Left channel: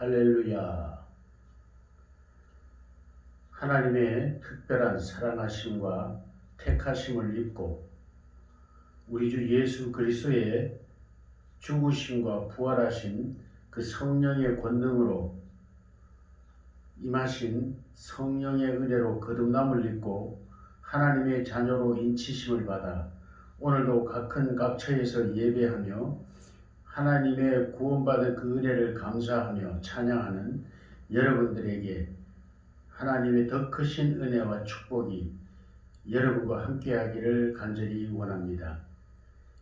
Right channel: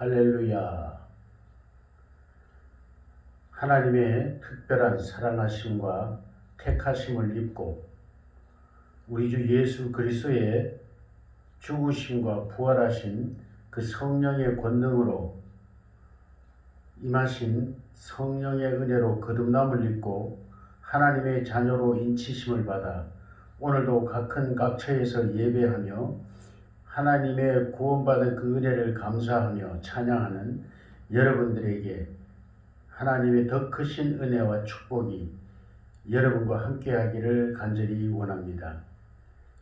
할렐루야. 하나님의 특별한 사랑하심과 택하심을 입고 우리 주 예수 그리스도의 죽으심과 부활하신 그 성령의 권능으로 임하신 성령의 은혜로 거듭남을 입고 하나님의 자녀로 인치심을 받아 오늘도 각큰 각처에서 예배하며 하나님의 구원받은 그 은혜를 감사하며 찬양하는 여러분들에게 하나님의 더 크신 은혜와 축복이 여러분과 함께하기를 간절히 원합니다.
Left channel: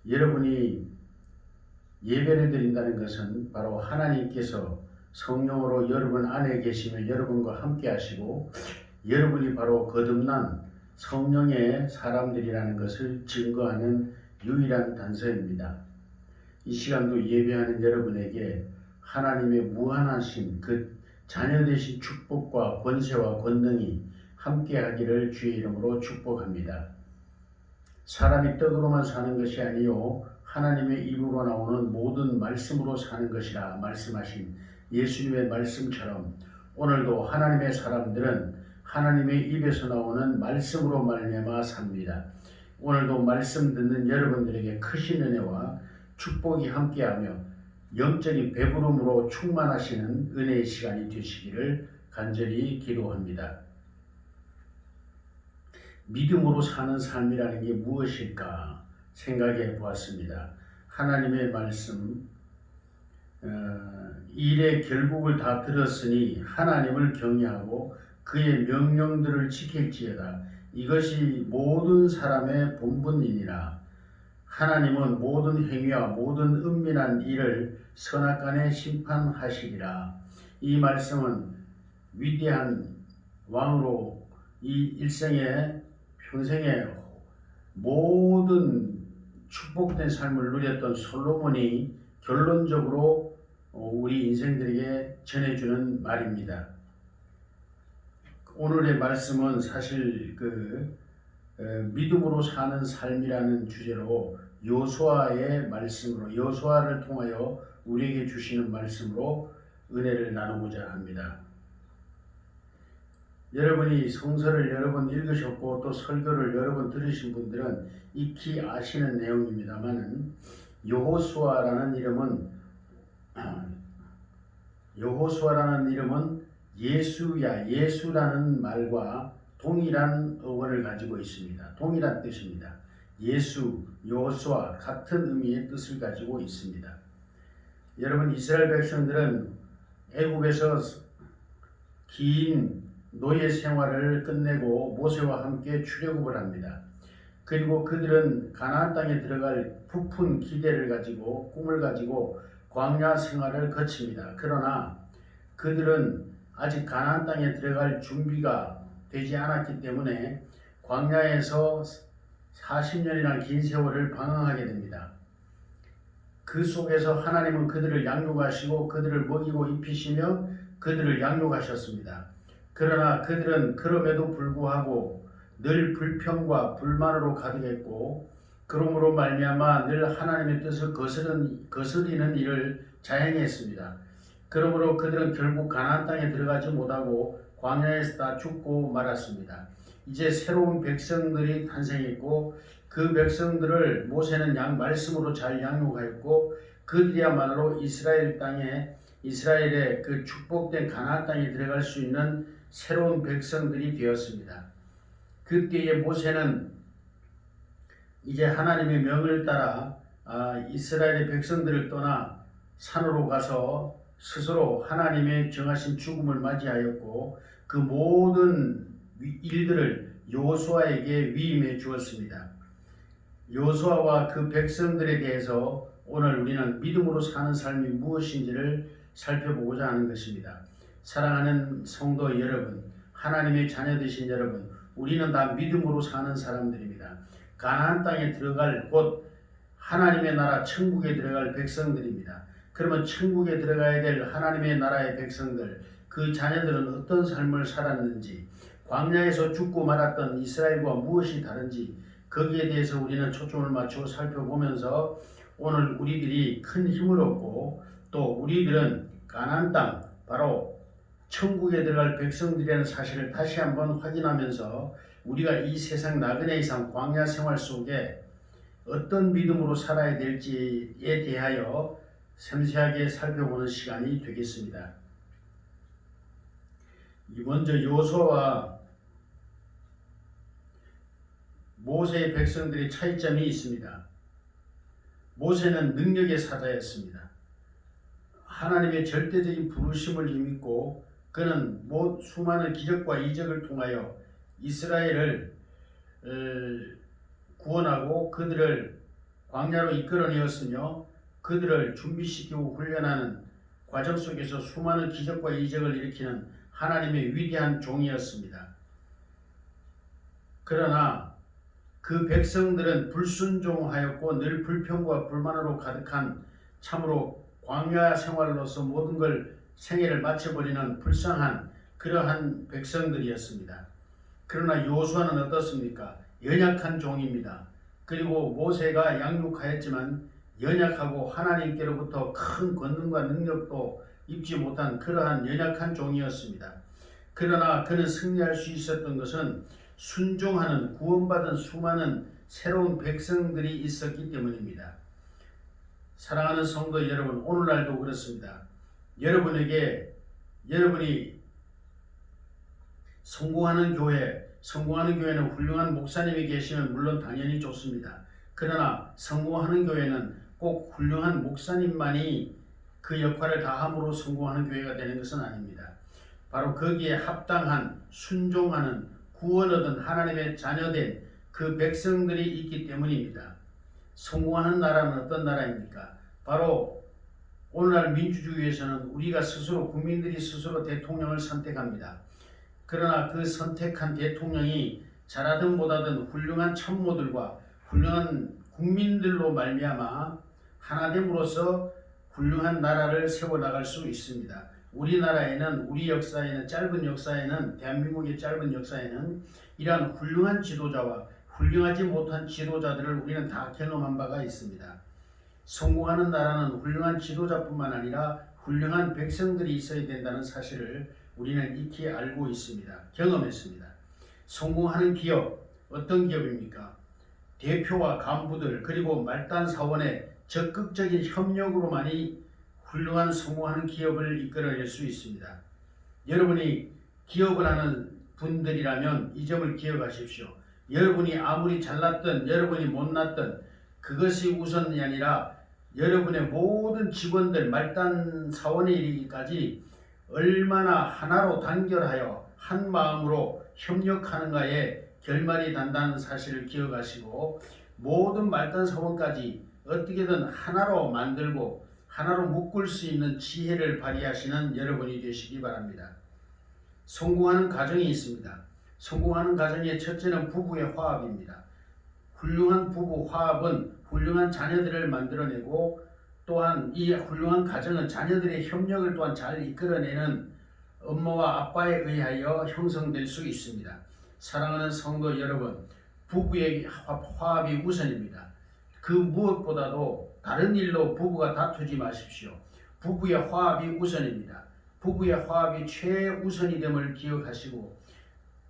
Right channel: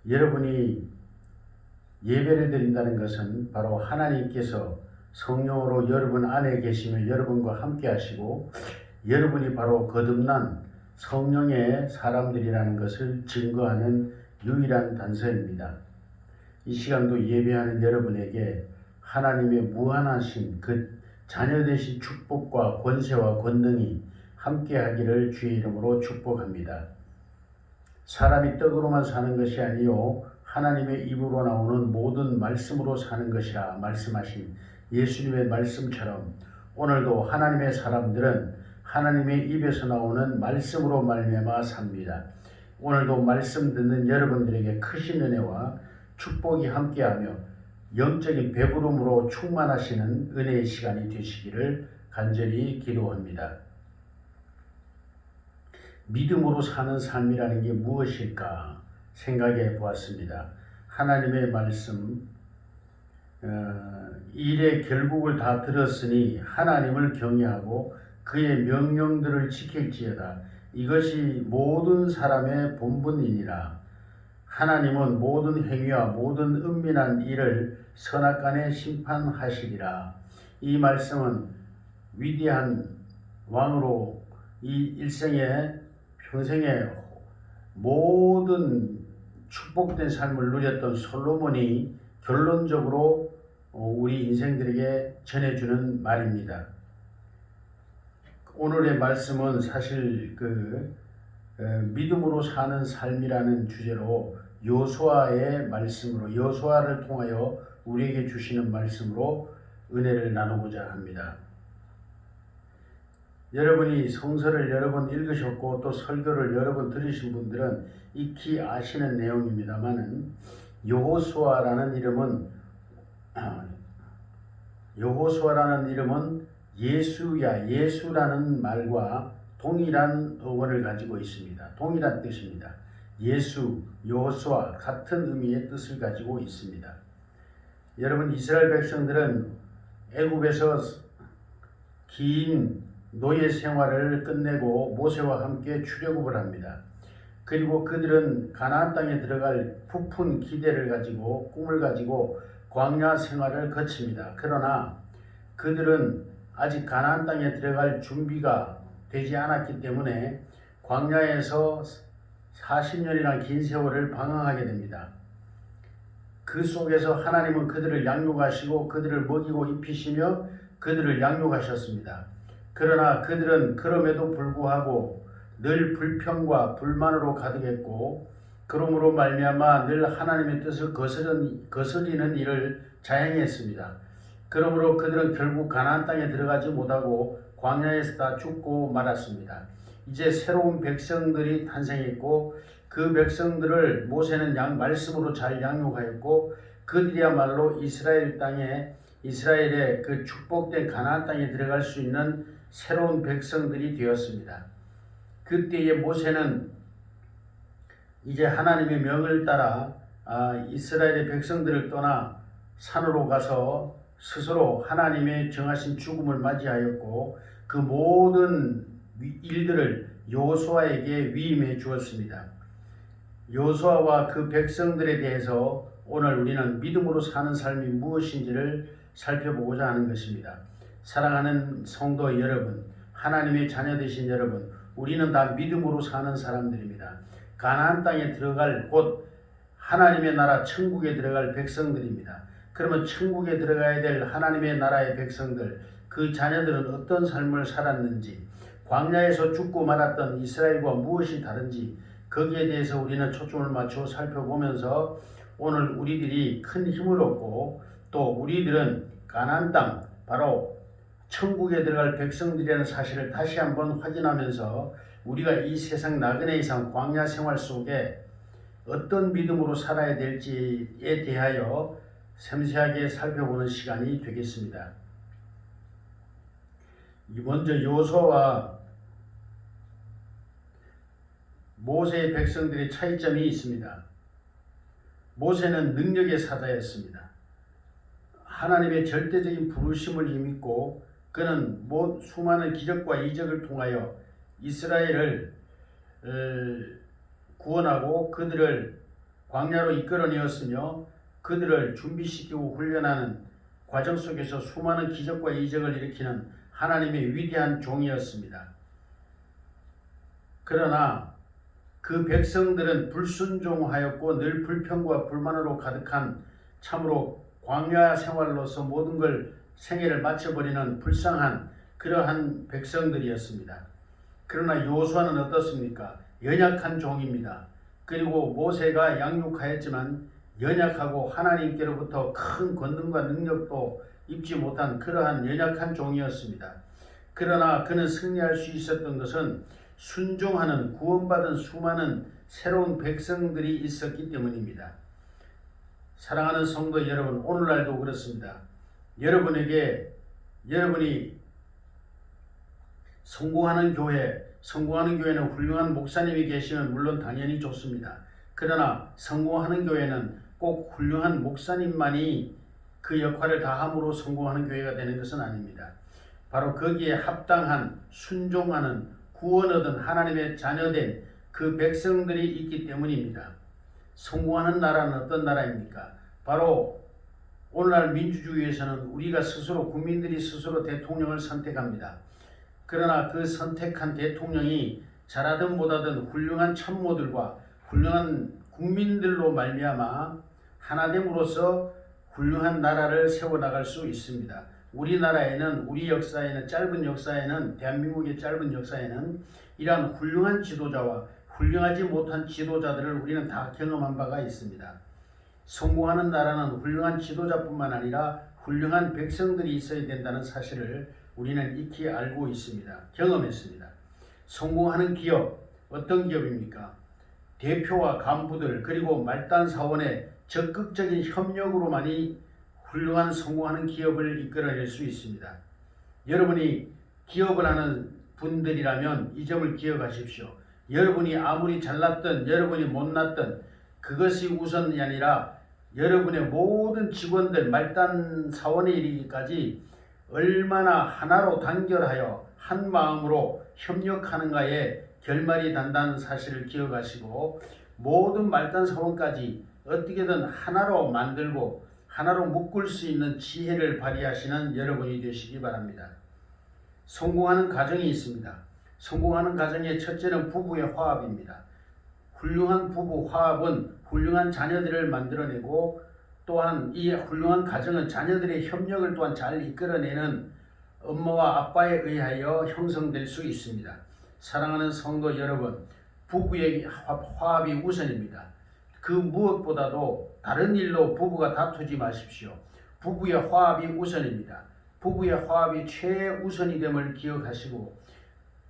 여러분이 예배를 드린다는 것은 바로 하나님께서 성령으로 여러분 안에 계시며 여러분과 함께 하시고 여러분이 바로 거듭난 성령의 사람들이라는 것을 증거하는 유일한 단서입니다. 이 시간도 예배하는 여러분에게 하나님의 무한하신 그 자녀되신 축복과 권세와 권능이 함께하기를 주의 이름으로 축복합니다. 사람이 떡으로만 사는 것이 아니요 하나님의 입으로 나오는 모든 말씀으로 사는 것이라 말씀하신 예수님의 말씀처럼 오늘도 하나님의 사람들은 하나님의 입에서 나오는 말씀으로 말미암아 삽니다. 오늘도 말씀 듣는 여러분들에게 크신 은혜와 축복이 함께하며 영적인 배부름으로 충만하시는 은혜의 시간이 되시기를 간절히 기도합니다. 믿음으로 사는 삶이라는 게 무엇일까 생각해 보았습니다. 하나님의 말씀, 일의 결국을 다 들었으니 하나님을 경외하고 그의 명령들을 지킬지어다. 이것이 모든 사람의 본분이니라. 하나님은 모든 행위와 모든 은밀한 일을 선악간에 심판하시리라. 이 말씀은 위대한 왕으로 이 일생에 평생에 모든 축복된 삶을 누렸던 솔로몬이 결론적으로 우리 인생들에게 전해주는 말입니다. 오늘의 말씀은 사실 믿음으로 사는 삶이라는 주제로 여호수아의 말씀으로 여호수아를 통하여 우리에게 주시는 말씀으로 은혜를 나누고자 합니다. 여러분이 성서를 여러 번 읽으셨고 또 설교를 여러 번 들으신 분들은 익히 아시는 내용입니다만은 여호수아라는 이름은 예수라는 말과 동일한 어원을 가지고 있습니다. 동일한 뜻입니다. 예수, 여호수아 같은 의미의 뜻을 가지고 있습니다. 여러분, 이스라엘 백성들은 애굽에서 긴 노예 생활을 끝내고 모세와 함께 출애굽을 합니다. 그리고 그들은 가나안 땅에 들어갈 부푼 기대를 가지고 꿈을 가지고 광야 생활을 거칩니다. 그러나 그들은 아직 가나안 땅에 들어갈 준비가 되지 않았기 때문에 광야에서 40년이나 긴 세월을 방황하게 됩니다. 그 속에서 하나님은 그들을 양육하시고 그들을 먹이고 입히시며 그들을 양육하셨습니다. 그러나 그들은 그럼에도 불구하고 늘 불평과 불만으로 가득했고 그러므로 말미암아 늘 하나님의 뜻을 거스리는 일을 자행했습니다. 그러므로 그들은 결국 가나안 땅에 들어가지 못하고 광야에서 다 죽고 말았습니다. 이제 새로운 백성들이 탄생했고 그 백성들을 모세는 말씀으로 잘 양육하였고 그들이야말로 이스라엘의 그 축복된 가나안 땅에 들어갈 수 있는 새로운 백성들이 되었습니다. 그때에 모세는 이제 하나님의 명을 따라 이스라엘의 백성들을 떠나 산으로 가서 스스로 하나님의 정하신 죽음을 맞이하였고 그 모든 일들을 여호수아에게 위임해 주었습니다. 여호수아와 그 백성들에 대해서 오늘 우리는 믿음으로 사는 삶이 무엇인지를 살펴보고자 하는 것입니다. 사랑하는 성도 여러분, 하나님의 자녀 되신 여러분, 우리는 다 믿음으로 사는 사람들입니다. 가나안 땅에 들어갈 곳 하나님의 나라 천국에 들어갈 백성들입니다. 그러면 천국에 들어가야 될 하나님의 나라의 백성들, 그 자녀들은 어떤 삶을 살았는지, 광야에서 죽고 말았던 이스라엘과 무엇이 다른지 거기에 대해서 우리는 초점을 맞춰 살펴보면서 오늘 우리들이 큰 힘을 얻고 또 우리들은 가나안 땅, 바로 천국에 들어갈 백성들이라는 사실을 다시 한번 확인하면서 우리가 이 세상 나그네 이상 광야 생활 속에 어떤 믿음으로 살아야 될지에 대하여 섬세하게 살펴보는 시간이 되겠습니다. 먼저 여호수아와 모세의 백성들의 차이점이 있습니다. 모세는 능력의 사자였습니다. 하나님의 절대적인 부르심을 힘입고 그는 수많은 기적과 이적을 통하여 이스라엘을 구원하고 그들을 광야로 이끌어내었으며 그들을 준비시키고 훈련하는 과정 속에서 수많은 기적과 이적을 일으키는 하나님의 위대한 종이었습니다. 그러나 그 백성들은 불순종하였고 늘 불평과 불만으로 가득한 참으로 광야 생활로서 모든 걸 생애를 마쳐버리는 불쌍한 그러한 백성들이었습니다. 그러나 여호수아는 어떻습니까? 연약한 종입니다. 그리고 모세가 양육하였지만 연약하고 하나님께로부터 큰 권능과 능력도 입지 못한 그러한 연약한 종이었습니다. 그러나 그는 승리할 수 있었던 것은 순종하는 구원받은 수많은 새로운 백성들이 있었기 때문입니다. 사랑하는 성도 여러분, 오늘날도 그렇습니다. 여러분이 성공하는 교회는 훌륭한 목사님이 계시면 물론 당연히 좋습니다. 그러나 성공하는 교회는 꼭 훌륭한 목사님만이 그 역할을 다함으로 성공하는 교회가 되는 것은 아닙니다. 바로 거기에 합당한 순종하는 구원 얻은 하나님의 자녀된 그 백성들이 있기 때문입니다. 성공하는 나라는 어떤 나라입니까? 바로 오늘날 민주주의에서는 우리가 스스로 국민들이 스스로 대통령을 선택합니다. 그러나 그 선택한 대통령이 잘하든 못하든 훌륭한 참모들과 훌륭한 국민들로 말미암아 하나됨으로써 훌륭한 나라를 세워나갈 수 있습니다. 우리나라에는 우리 역사에는 대한민국의 짧은 역사에는 이러한 훌륭한 지도자와 훌륭하지 못한 지도자들을 우리는 다 경험한 바가 있습니다. 성공하는 나라는 훌륭한 지도자뿐만 아니라 훌륭한 백성들이 있어야 된다는 사실을 우리는 익히 알고 있습니다. 경험했습니다. 성공하는 기업, 어떤 기업입니까? 대표와 간부들 그리고 말단 사원의 적극적인 협력으로만이 훌륭한 성공하는 기업을 이끌어낼 수 있습니다. 여러분이 기업을 하는 분들이라면 이 점을 기억하십시오. 여러분이 아무리 잘났든 여러분이 못났든 그것이 우선이 아니라 여러분의 모든 직원들 말단 사원에 이르기까지 얼마나 하나로 단결하여 한 마음으로 협력하는가에 결말이 단다는 사실을 기억하시고 모든 말단 사원까지 어떻게든 하나로 만들고 하나로 묶을 수 있는 지혜를 발휘하시는 여러분이 되시기 바랍니다. 성공하는 가정이 있습니다. 성공하는 가정의 첫째는 부부의 화합입니다. 훌륭한 부부 화합은 훌륭한 자녀들을 만들어내고 또한 이 훌륭한 가정은 자녀들의 협력을 또한 잘 이끌어내는 엄마와 아빠에 의하여 형성될 수 있습니다. 사랑하는 성도 여러분, 부부의 화합이 우선입니다. 그 무엇보다도 다른 일로 부부가 다투지 마십시오. 부부의 화합이 우선입니다. 부부의 화합이 최우선이 됨을 기억하시고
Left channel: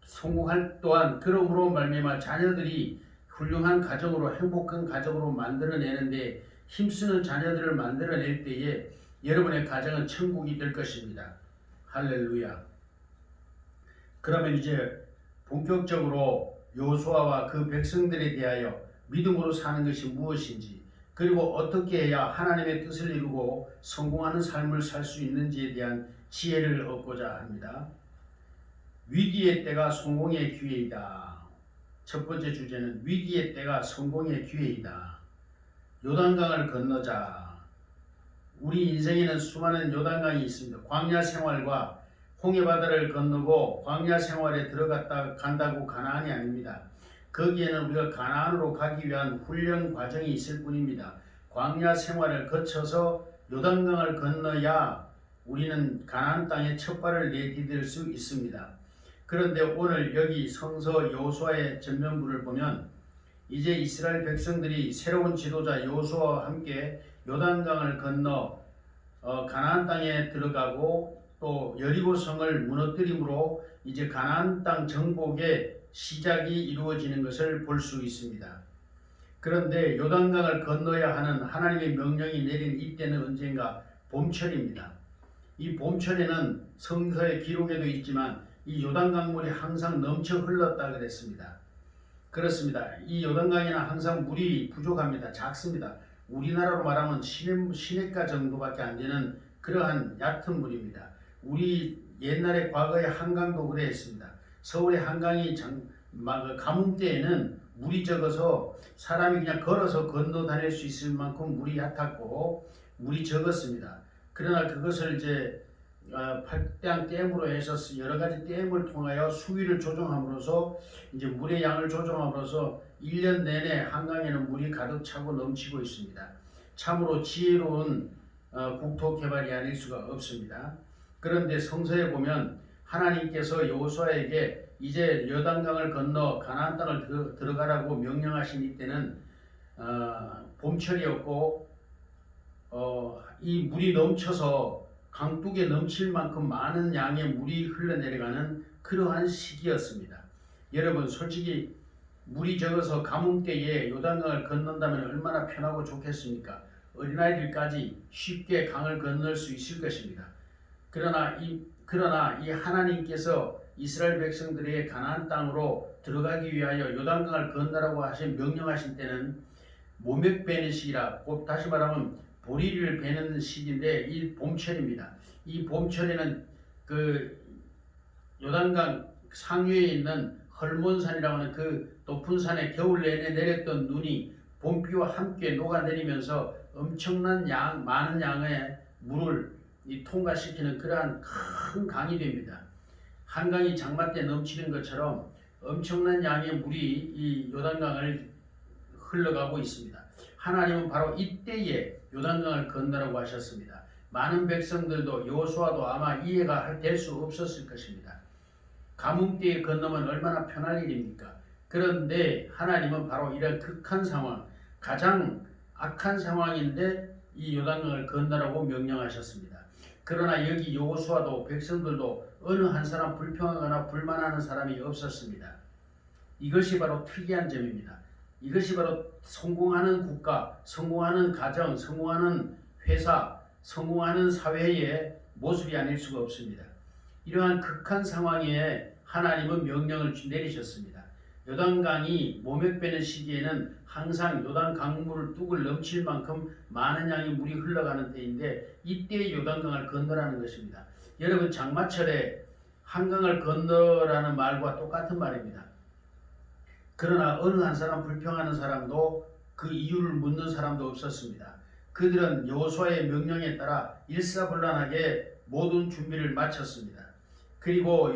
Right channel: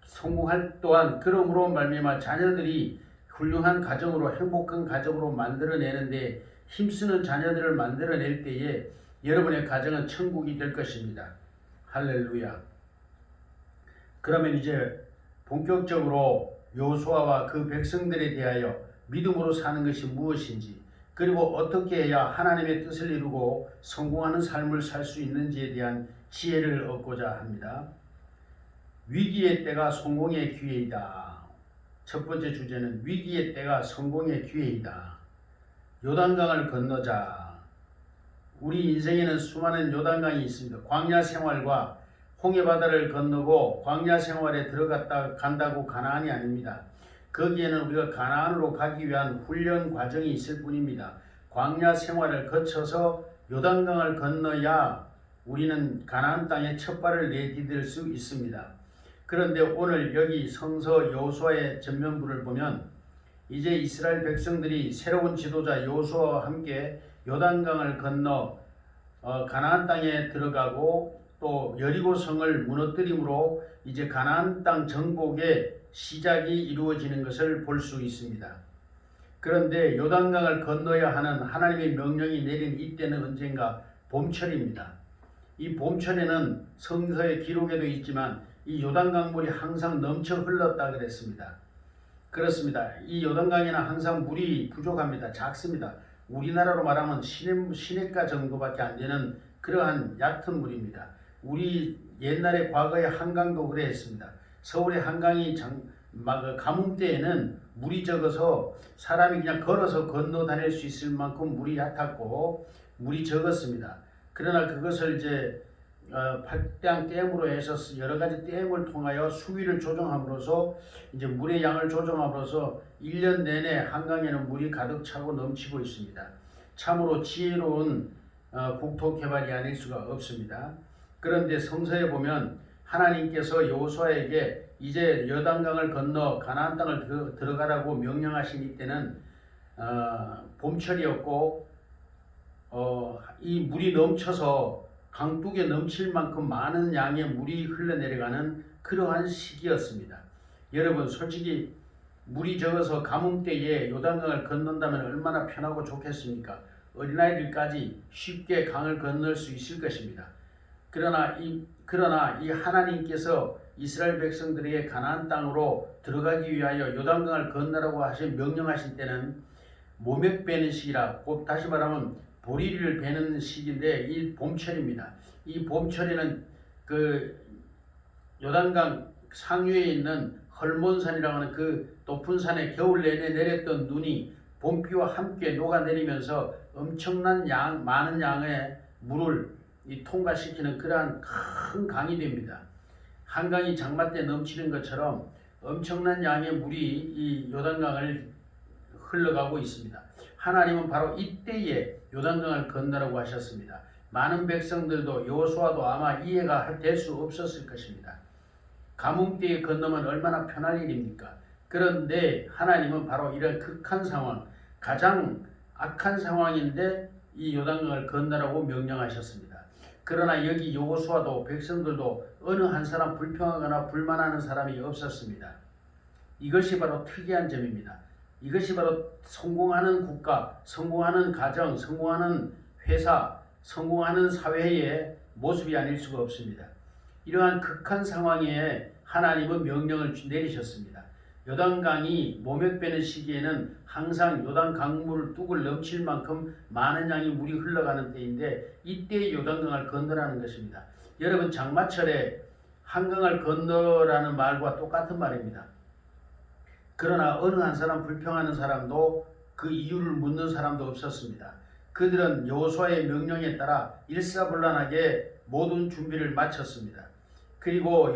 성공할 또한 그러므로 말미암아 자녀들이 훌륭한 가정으로 행복한 가정으로 만들어내는데 힘쓰는 자녀들을 만들어낼 때에 여러분의 가정은 천국이 될 것입니다. 할렐루야. 그러면 이제 본격적으로 여호수아와 그 백성들에 대하여 믿음으로 사는 것이 무엇인지 그리고 어떻게 해야 하나님의 뜻을 이루고 성공하는 삶을 살 수 있는지에 대한 지혜를 얻고자 합니다. 위기의 때가 성공의 기회이다. 첫 번째 주제는 위기의 때가 성공의 기회이다. 요단강을 건너자. 우리 인생에는 수많은 요단강이 있습니다. 광야 생활과 홍해바다를 건너고 광야 생활에 간다고 가나안이 아닙니다. 거기에는 우리가 가나안으로 가기 위한 훈련 과정이 있을 뿐입니다. 광야 생활을 거쳐서 요단강을 건너야 우리는 가나안 땅에 첫 발을 내디딜 수 있습니다. 그런데 오늘 여기 성서 여호수아의 전면부를 보면 이제 이스라엘 백성들이 새로운 지도자 여호수아와 함께 요단강을 건너 가나안 땅에 들어가고 또 여리고성을 무너뜨림으로 이제 가나안 땅 정복의 시작이 이루어지는 것을 볼 수 있습니다. 그런데 요단강을 건너야 하는 하나님의 명령이 내린 이때는 언젠가 봄철입니다. 이 봄철에는 성서의 기록에도 있지만 이 요단강물이 항상 넘쳐 흘렀다 그랬습니다. 그렇습니다. 이 요단강에는 항상 물이 부족합니다. 작습니다. 우리나라로 말하면 시냇가 정도밖에 안 되는 그러한 얕은 물입니다. 우리 옛날에 과거의 한강도 그랬습니다. 서울의 한강이 가뭄 때에는 물이 적어서 사람이 그냥 걸어서 건너 다닐 수 있을 만큼 물이 얕았고 물이 적었습니다. 그러나 그것을 이제 팔당 댐으로 해서 여러 가지 댐을 통하여 수위를 조정함으로써 이제 물의 양을 조정함으로써 1년 내내 한강에는 물이 가득 차고 넘치고 있습니다. 참으로 지혜로운 국토 개발이 아닐 수가 없습니다. 그런데 성서에 보면 하나님께서 여호수아에게 이제 요단강을 건너 가나안 땅을 들어가라고 명령하신 이때는 봄철이었고 이 물이 넘쳐서 강둑에 넘칠 만큼 많은 양의 물이 흘러내려가는 그러한 시기였습니다. 여러분 솔직히 물이 적어서 가뭄 때에 요단강을 건넌다면 얼마나 편하고 좋겠습니까? 어린아이들까지 쉽게 강을 건널 수 있을 것입니다. 그러나 이 하나님께서 이스라엘 백성들에게 가나안 땅으로 들어가기 위하여 요단강을 건너라고 명령하신 때는 모맥 베는 시기라, 곧 다시 말하면 보리를 베는 시기인데 이 봄철입니다. 이 봄철에는 그 요단강 상류에 있는 헐몬산이라고 하는 그 높은 산에 겨울 내내 내렸던 눈이 봄비와 함께 녹아내리면서 엄청난 많은 양의 물을 통과시키는 그러한 큰 강이 됩니다. 한강이 장마 때 넘치는 것처럼 엄청난 양의 물이 이 요단강을 흘러가고 있습니다. 하나님은 바로 이때에 요단강을 건너라고 하셨습니다. 많은 백성들도 여호수아도 아마 이해가 될 수 없었을 것입니다. 가뭄 때에 건너면 얼마나 편할 일입니까? 그런데 하나님은 바로 이런 극한 상황, 가장 악한 상황인데 이 요단강을 건너라고 명령하셨습니다. 그러나 여기 여호수아도 백성들도 어느 한 사람 불평하거나 불만하는 사람이 없었습니다. 이것이 바로 특이한 점입니다. 이것이 바로 성공하는 국가, 성공하는 가정, 성공하는 회사, 성공하는 사회의 모습이 아닐 수가 없습니다. 이러한 극한 상황에 하나님은 명령을 내리셨습니다. 요단강이 모맥 베는 시기에는 항상 요단 강물을 뚝을 넘칠 만큼 많은 양의 물이 흘러가는 때인데 이때 요단강을 건너라는 것입니다. 여러분 장마철에 한강을 건너라는 말과 똑같은 말입니다. 그러나 어느 한 사람 불평하는 사람도 그 이유를 묻는 사람도 없었습니다. 그들은 여호수아의 명령에 따라 일사불란하게 모든 준비를 마쳤습니다. 그리고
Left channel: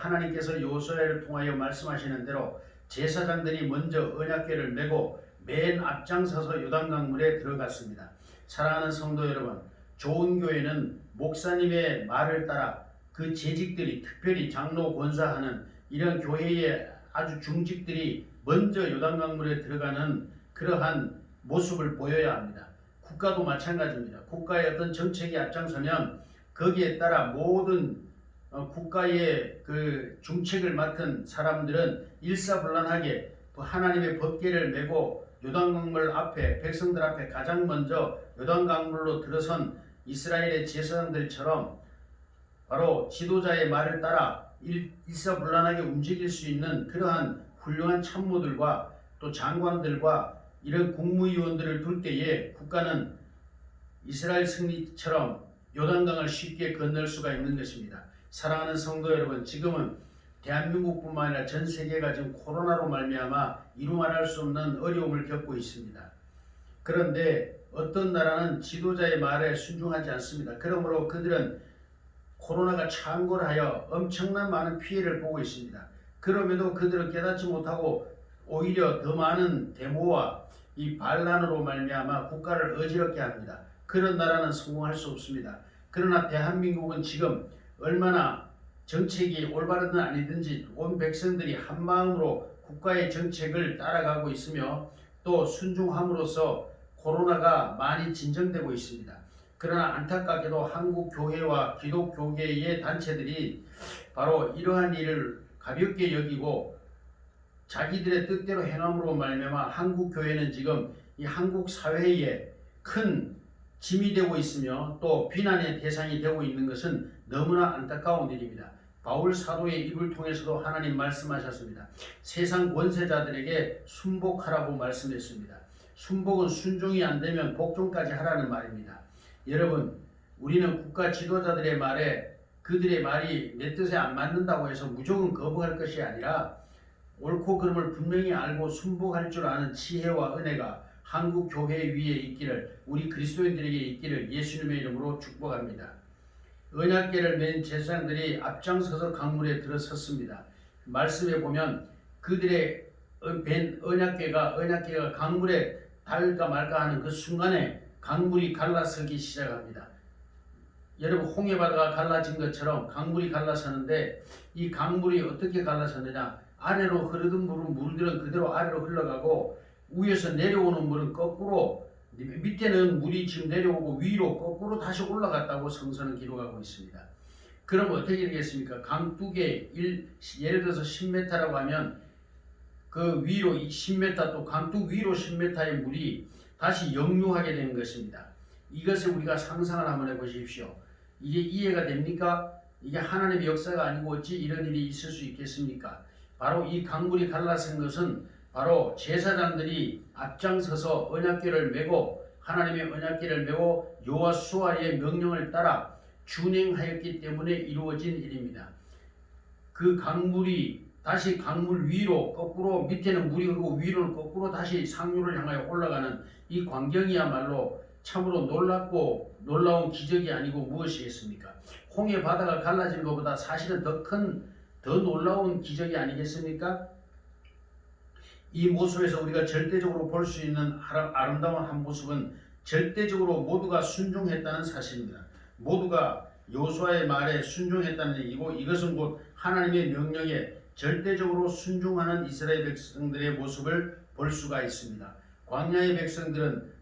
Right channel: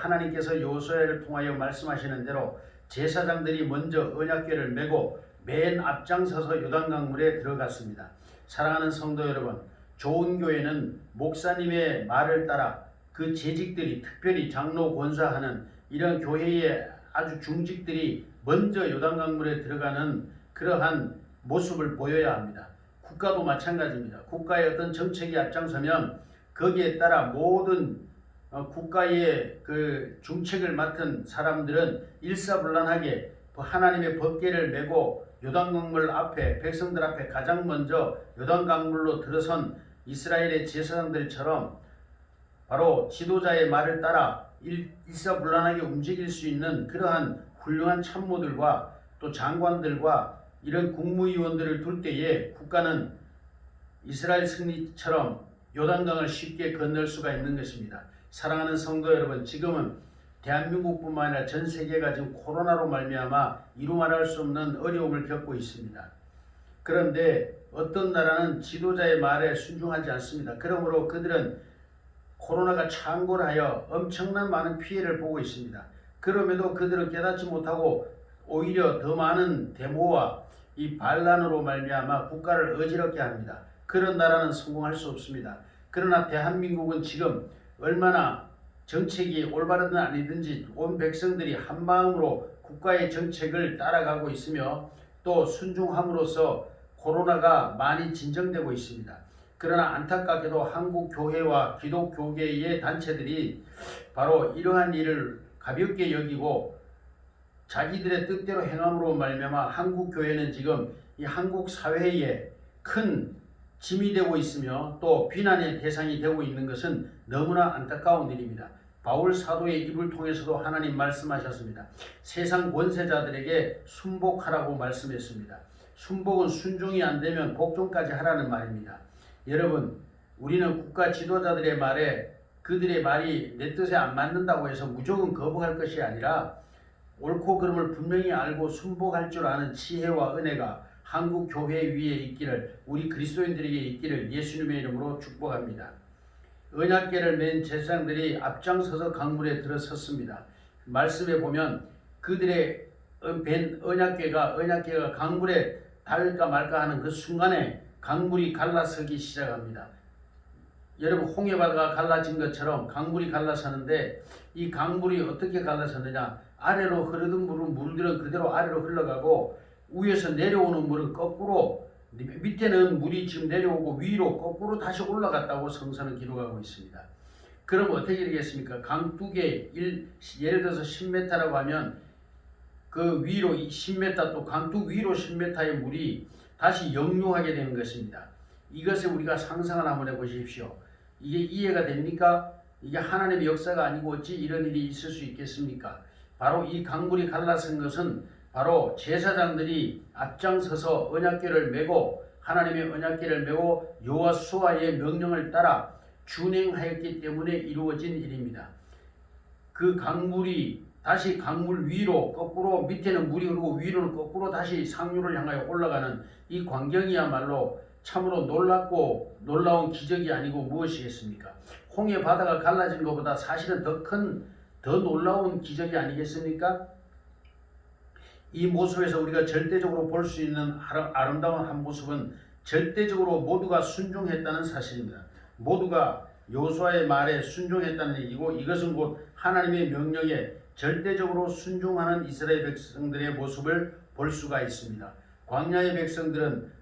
하나님께서 여호수아를 통하여 말씀하시는 대로 제사장들이 먼저 언약궤를 메고 맨 앞장서서 요단강물에 들어갔습니다. 사랑하는 성도 여러분, 좋은 교회는 목사님의 말을 따라 그 재직들이 특별히 장로 권사하는 이런 교회의 아주 중직들이 먼저 요단강물에 들어가는 그러한 모습을 보여야 합니다. 국가도 마찬가지입니다. 국가의 어떤 정책이 앞장서면 거기에 따라 모든 국가의 그 중책을 맡은 사람들은 일사불란하게 하나님의 법궤를 메고 요단강물 앞에 백성들 앞에 가장 먼저 요단강물로 들어선 이스라엘의 제사장들처럼 바로 지도자의 말을 따라 일사불란하게 움직일 수 있는 그러한 훌륭한 참모들과 또 장관들과 이런 국무위원들을 둘 때에 국가는 이스라엘 승리처럼 요단강을 쉽게 건널 수가 있는 것입니다. 사랑하는 성도 여러분, 지금은 대한민국뿐만 아니라 전 세계가 지금 코로나로 말미암아 이루 말할 수 없는 어려움을 겪고 있습니다. 그런데 어떤 나라는 지도자의 말에 순종하지 않습니다. 그러므로 그들은 코로나가 창궐하여 엄청난 많은 피해를 보고 있습니다. 그럼에도 그들은 깨닫지 못하고 오히려 더 많은 데모와 이 반란으로 말미암아 국가를 어지럽게 합니다. 그런 나라는 성공할 수 없습니다. 그러나 대한민국은 지금 얼마나 정책이 올바르든 아니든지 온 백성들이 한마음으로 국가의 정책을 따라가고 있으며 또 순종함으로써 코로나가 많이 진정되고 있습니다. 그러나 안타깝게도 한국 교회와 기독교계의 단체들이 바로 이러한 일을 가볍게 여기고 자기들의 뜻대로 행함으로 말미암아 한국 교회는 지금 이 한국 사회에 큰 짐이 되고 있으며 또 비난의 대상이 되고 있는 것은 너무나 안타까운 일입니다. 바울 사도의 입을 통해서도 하나님 말씀하셨습니다. 세상 권세자들에게 순복하라고 말씀했습니다. 순복은 순종이 안 되면 복종까지 하라는 말입니다. 여러분, 우리는 국가 지도자들의 말에 그들의 말이 내 뜻에 안 맞는다고 해서 무조건 거부할 것이 아니라 옳고 그름을 분명히 알고 순복할 줄 아는 지혜와 은혜가 한국 교회 위에 있기를, 우리 그리스도인들에게 있기를 예수님의 이름으로 축복합니다. 언약궤를 맨 제사장들이 앞장서서 강물에 들어섰습니다. 말씀에 보면 그들의 언약궤가 강물에 닿을까 말까 하는 그 순간에 강물이 갈라서기 시작합니다. 여러분, 홍해바다가 갈라진 것처럼 강물이 갈라서는데 이 강물이 어떻게 갈라서느냐, 아래로 흐르던 물들은 그대로 아래로 흘러가고 위에서 내려오는 물은 거꾸로, 밑에는 물이 지금 내려오고 위로 거꾸로 다시 올라갔다고 성서는 기록하고 있습니다. 그럼 어떻게 되겠습니까? 강둑에 예를 들어서 10m라고 하면 그 위로 10m, 또 강둑 위로 10m의 물이 다시 역류하게 되는 것입니다. 이것을 우리가 상상을 한번 해보십시오. 이게 이해가 됩니까? 이게 하나님의 역사가 아니고 어찌 이런 일이 있을 수 있겠습니까? 바로 이 강물이 갈라진 것은 바로 제사장들이 앞장서서 언약궤를 메고 하나님의 언약궤를 메고 여호수아의 명령을 따라 준행하였기 때문에 이루어진 일입니다. 그 강물이 다시 강물 위로 거꾸로, 밑에는 물이 흐르고 위로는 거꾸로 다시 상류를 향하여 올라가는 이 광경이야말로 참으로 놀랍고 놀라운 기적이 아니고 무엇이겠습니까? 홍해 바다가 갈라진 것보다 사실은 더 놀라운 기적이 아니겠습니까? 이 모습에서 우리가 절대적으로 볼 수 있는 아름다운 한 모습은 절대적으로 모두가 순종했다는 사실입니다. 모두가 여호수아의 말에 순종했다는 얘기고, 이것은 곧 하나님의 명령에 절대적으로 순종하는 이스라엘 백성들의 모습을 볼 수가 있습니다. 광야의 백성들은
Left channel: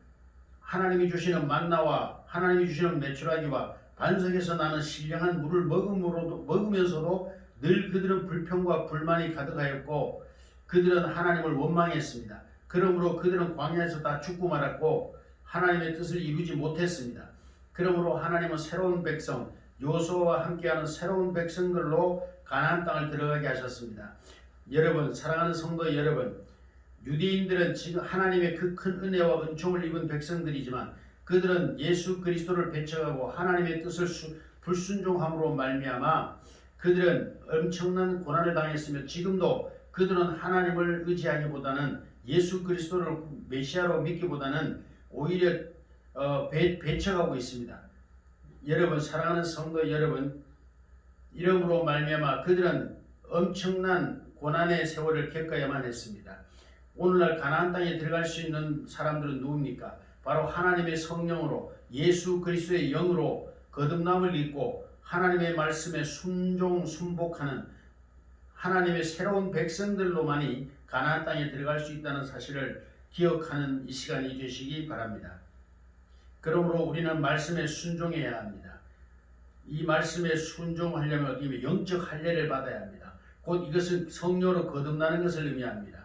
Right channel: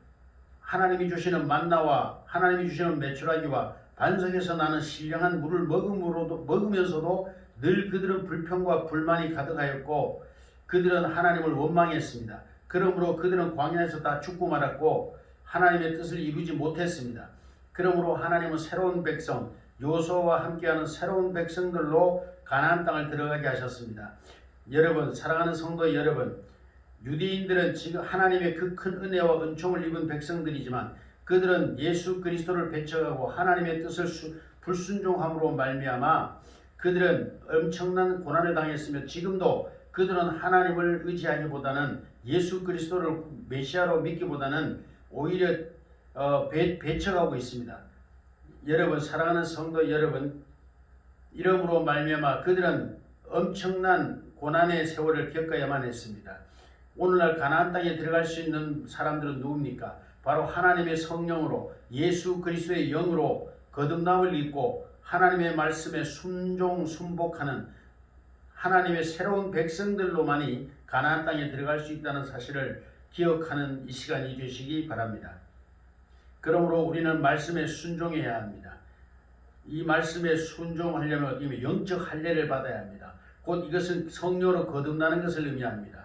하나님이 주시는 만나와 하나님이 주시는 메추라기와 반석에서 나는 신령한 물을 먹으면서도 늘 그들은 불평과 불만이 가득하였고 그들은 하나님을 원망했습니다. 그러므로 그들은 광야에서 다 죽고 말았고 하나님의 뜻을 이루지 못했습니다. 그러므로 하나님은 새로운 백성, 여호수아와 함께하는 새로운 백성들로 가나안 땅을 들어가게 하셨습니다. 여러분, 사랑하는 성도 여러분, 유대인들은 지금 하나님의 그 큰 은혜와 은총을 입은 백성들이지만 그들은 예수 그리스도를 배척하고 하나님의 뜻을 불순종함으로 말미암아 그들은 엄청난 고난을 당했으며 지금도 그들은 하나님을 의지하기보다는 예수 그리스도를 메시아로 믿기보다는 오히려 배척하고 있습니다. 여러분, 사랑하는 성도 여러분, 이러므로 말미암아 그들은 엄청난 고난의 세월을 겪어야만 했습니다. 오늘날 가나안 땅에 들어갈 수 있는 사람들은 누굽니까? 바로 하나님의 성령으로 예수 그리스도의 영으로 거듭남을 입고 하나님의 말씀에 순종하는 하나님의 새로운 백성들로만이 가나안 땅에 들어갈 수 있다는 사실을 기억하는 이 시간이 되시기 바랍니다. 그러므로 우리는 말씀에 순종해야 합니다. 이 말씀에 순종하려면 어떻게 영적 할례를 받아야 합니다. 곧 이것은 성령으로 거듭나는 것을 의미합니다.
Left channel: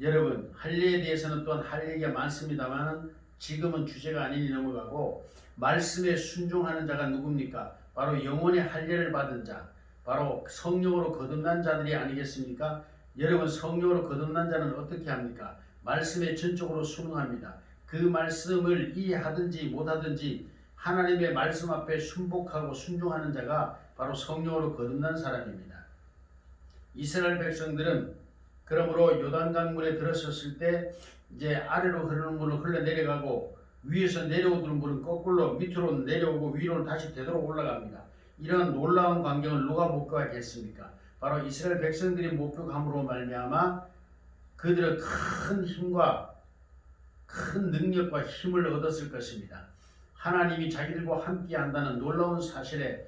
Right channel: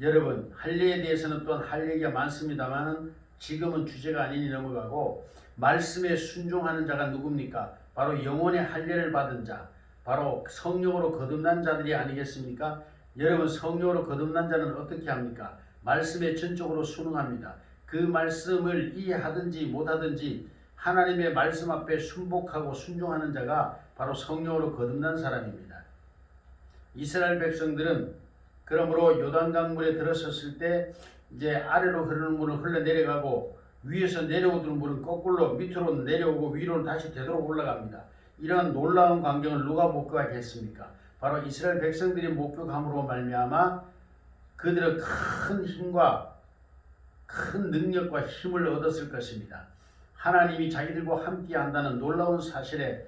여러분, 할례에 대해서는 또한 할 얘기가 많습니다만 지금은 주제가 아니니 넘어가고, 말씀에 순종하는 자가 누굽니까? 바로 영혼의 할례를 받은 자, 바로 성령으로 거듭난 자들이 아니겠습니까? 여러분, 성령으로 거듭난 자는 어떻게 합니까? 말씀에 전적으로 순응합니다. 그 말씀을 이해하든지 못하든지 하나님의 말씀 앞에 순복하고 순종하는 자가 바로 성령으로 거듭난 사람입니다. 이스라엘 백성들은 그러므로 요단강물에 들어섰을 때 이제 아래로 흐르는 물은 흘러내려가고 위에서 내려오던 물은 거꾸로 밑으로 내려오고 위로 다시 되도록 올라갑니다. 이러한 놀라운 광경을 누가 목격하게 했습니까? 바로 이스라엘 백성들이 목격함으로 말미암아 그들은 큰 힘과 큰 능력과 힘을 얻었을 것입니다. 하나님이 자기들과 함께 한다는 놀라운 사실에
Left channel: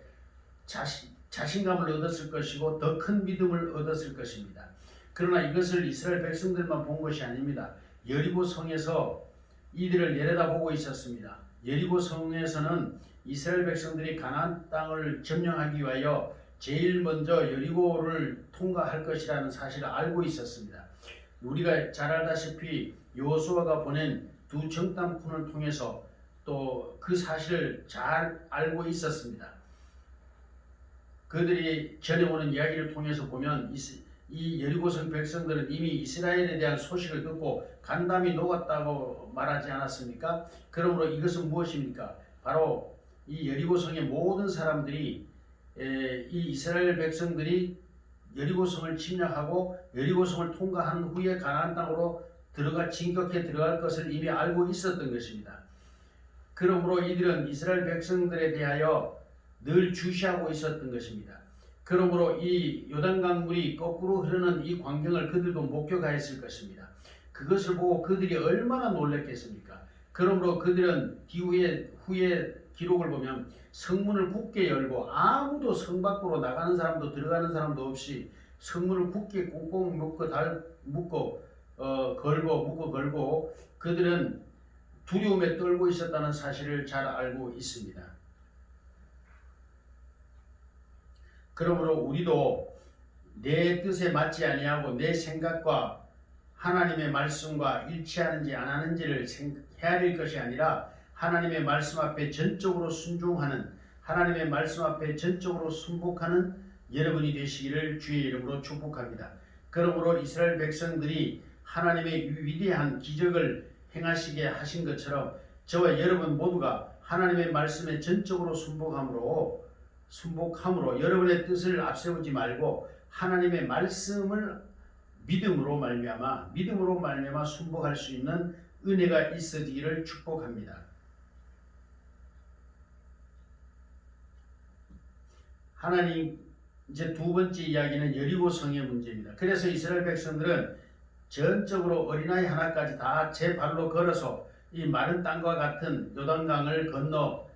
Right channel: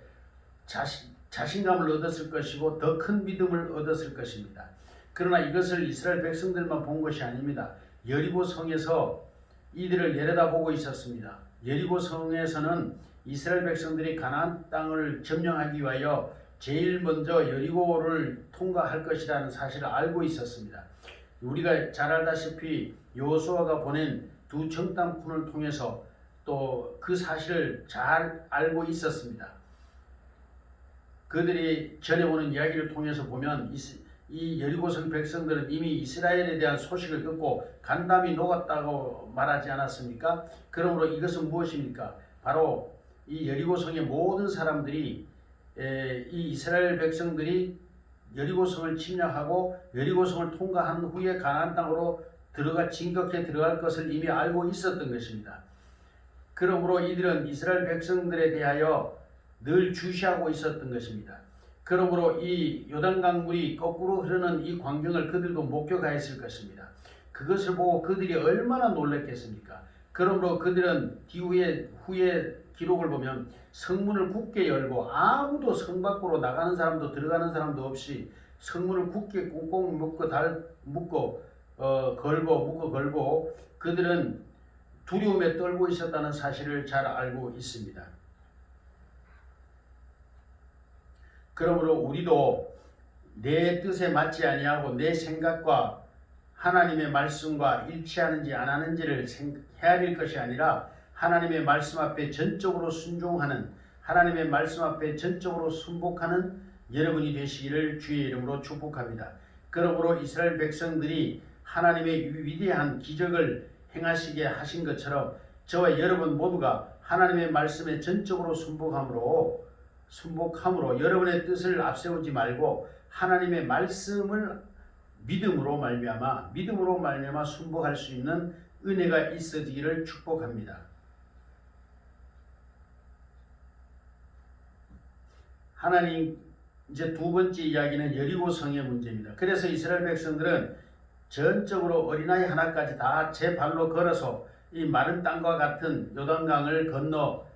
자신감을 얻었을 것이고 더 큰 믿음을 얻었을 것입니다. 그러나 이것을 이스라엘 백성들만 본 것이 아닙니다. 여리고 성에서 이들을 내려다보고 있었습니다. 여리고 성에서는 이스라엘 백성들이 가나안 땅을 점령하기 위하여 제일 먼저 여리고를 통과할 것이라는 사실을 알고 있었습니다. 우리가 잘 알다시피 여호수아가 보낸 두 정탐꾼을 통해서 또 그 사실을 잘 알고 있었습니다. 그들이 전해오는 이야기를 통해서 보면 이 여리고성 백성들은 이미 이스라엘에 대한 소식을 듣고 간담이 녹았다고 말하지 않았습니까? 그러므로 이것은 무엇입니까? 바로 이 여리고성의 모든 사람들이 이 이스라엘 백성들이 여리고성을 침략하고 여리고성을 통과한 후에 가나안 땅으로 진격해 들어갈 것을 이미 알고 있었던 것입니다. 그러므로 이들은 이스라엘 백성들에 대하여 늘 주시하고 있었던 것입니다. 그러므로 이 요단강 물이 거꾸로 흐르는 이 광경을 그들도 목격하였을 것입니다. 그것을 보고 그들이 얼마나 놀랐겠습니까? 그러므로 그들은 후에 기록을 보면 성문을 굳게 열고 아무도 성 밖으로 나가는 사람도 들어가는 사람도 없이 성문을 굳게 꽁꽁 묶고 걸고 그들은 두려움에 떨고 있었다는 사실을 잘 알고 있습니다. 그러므로 우리도 내 뜻에 맞지 아니하고 내 생각과 하나님의 말씀과 일치하는지 안 하는지를 헤아릴 것이 아니라 하나님의 말씀 앞에 전적으로 순종하는, 하나님의 말씀 앞에 전적으로 순복하는 여러분이 되시기를 주의 이름으로 축복합니다. 그러므로 이스라엘 백성들이 하나님의 위대한 기적을 행하시게 하신 것처럼 저와 여러분 모두가 하나님의 말씀에 전적으로 순복함으로 여러분의 뜻을 앞세우지 말고 하나님의 말씀을 믿음으로 말미암아 순복할 수 있는 은혜가 있어지기를 축복합니다. 하나님 이제 두 번째 이야기는 여리고성의 문제입니다. 그래서 이스라엘 백성들은 전적으로 어린아이 하나까지 다 제 발로 걸어서 이 마른 땅과 같은 요단강을 건너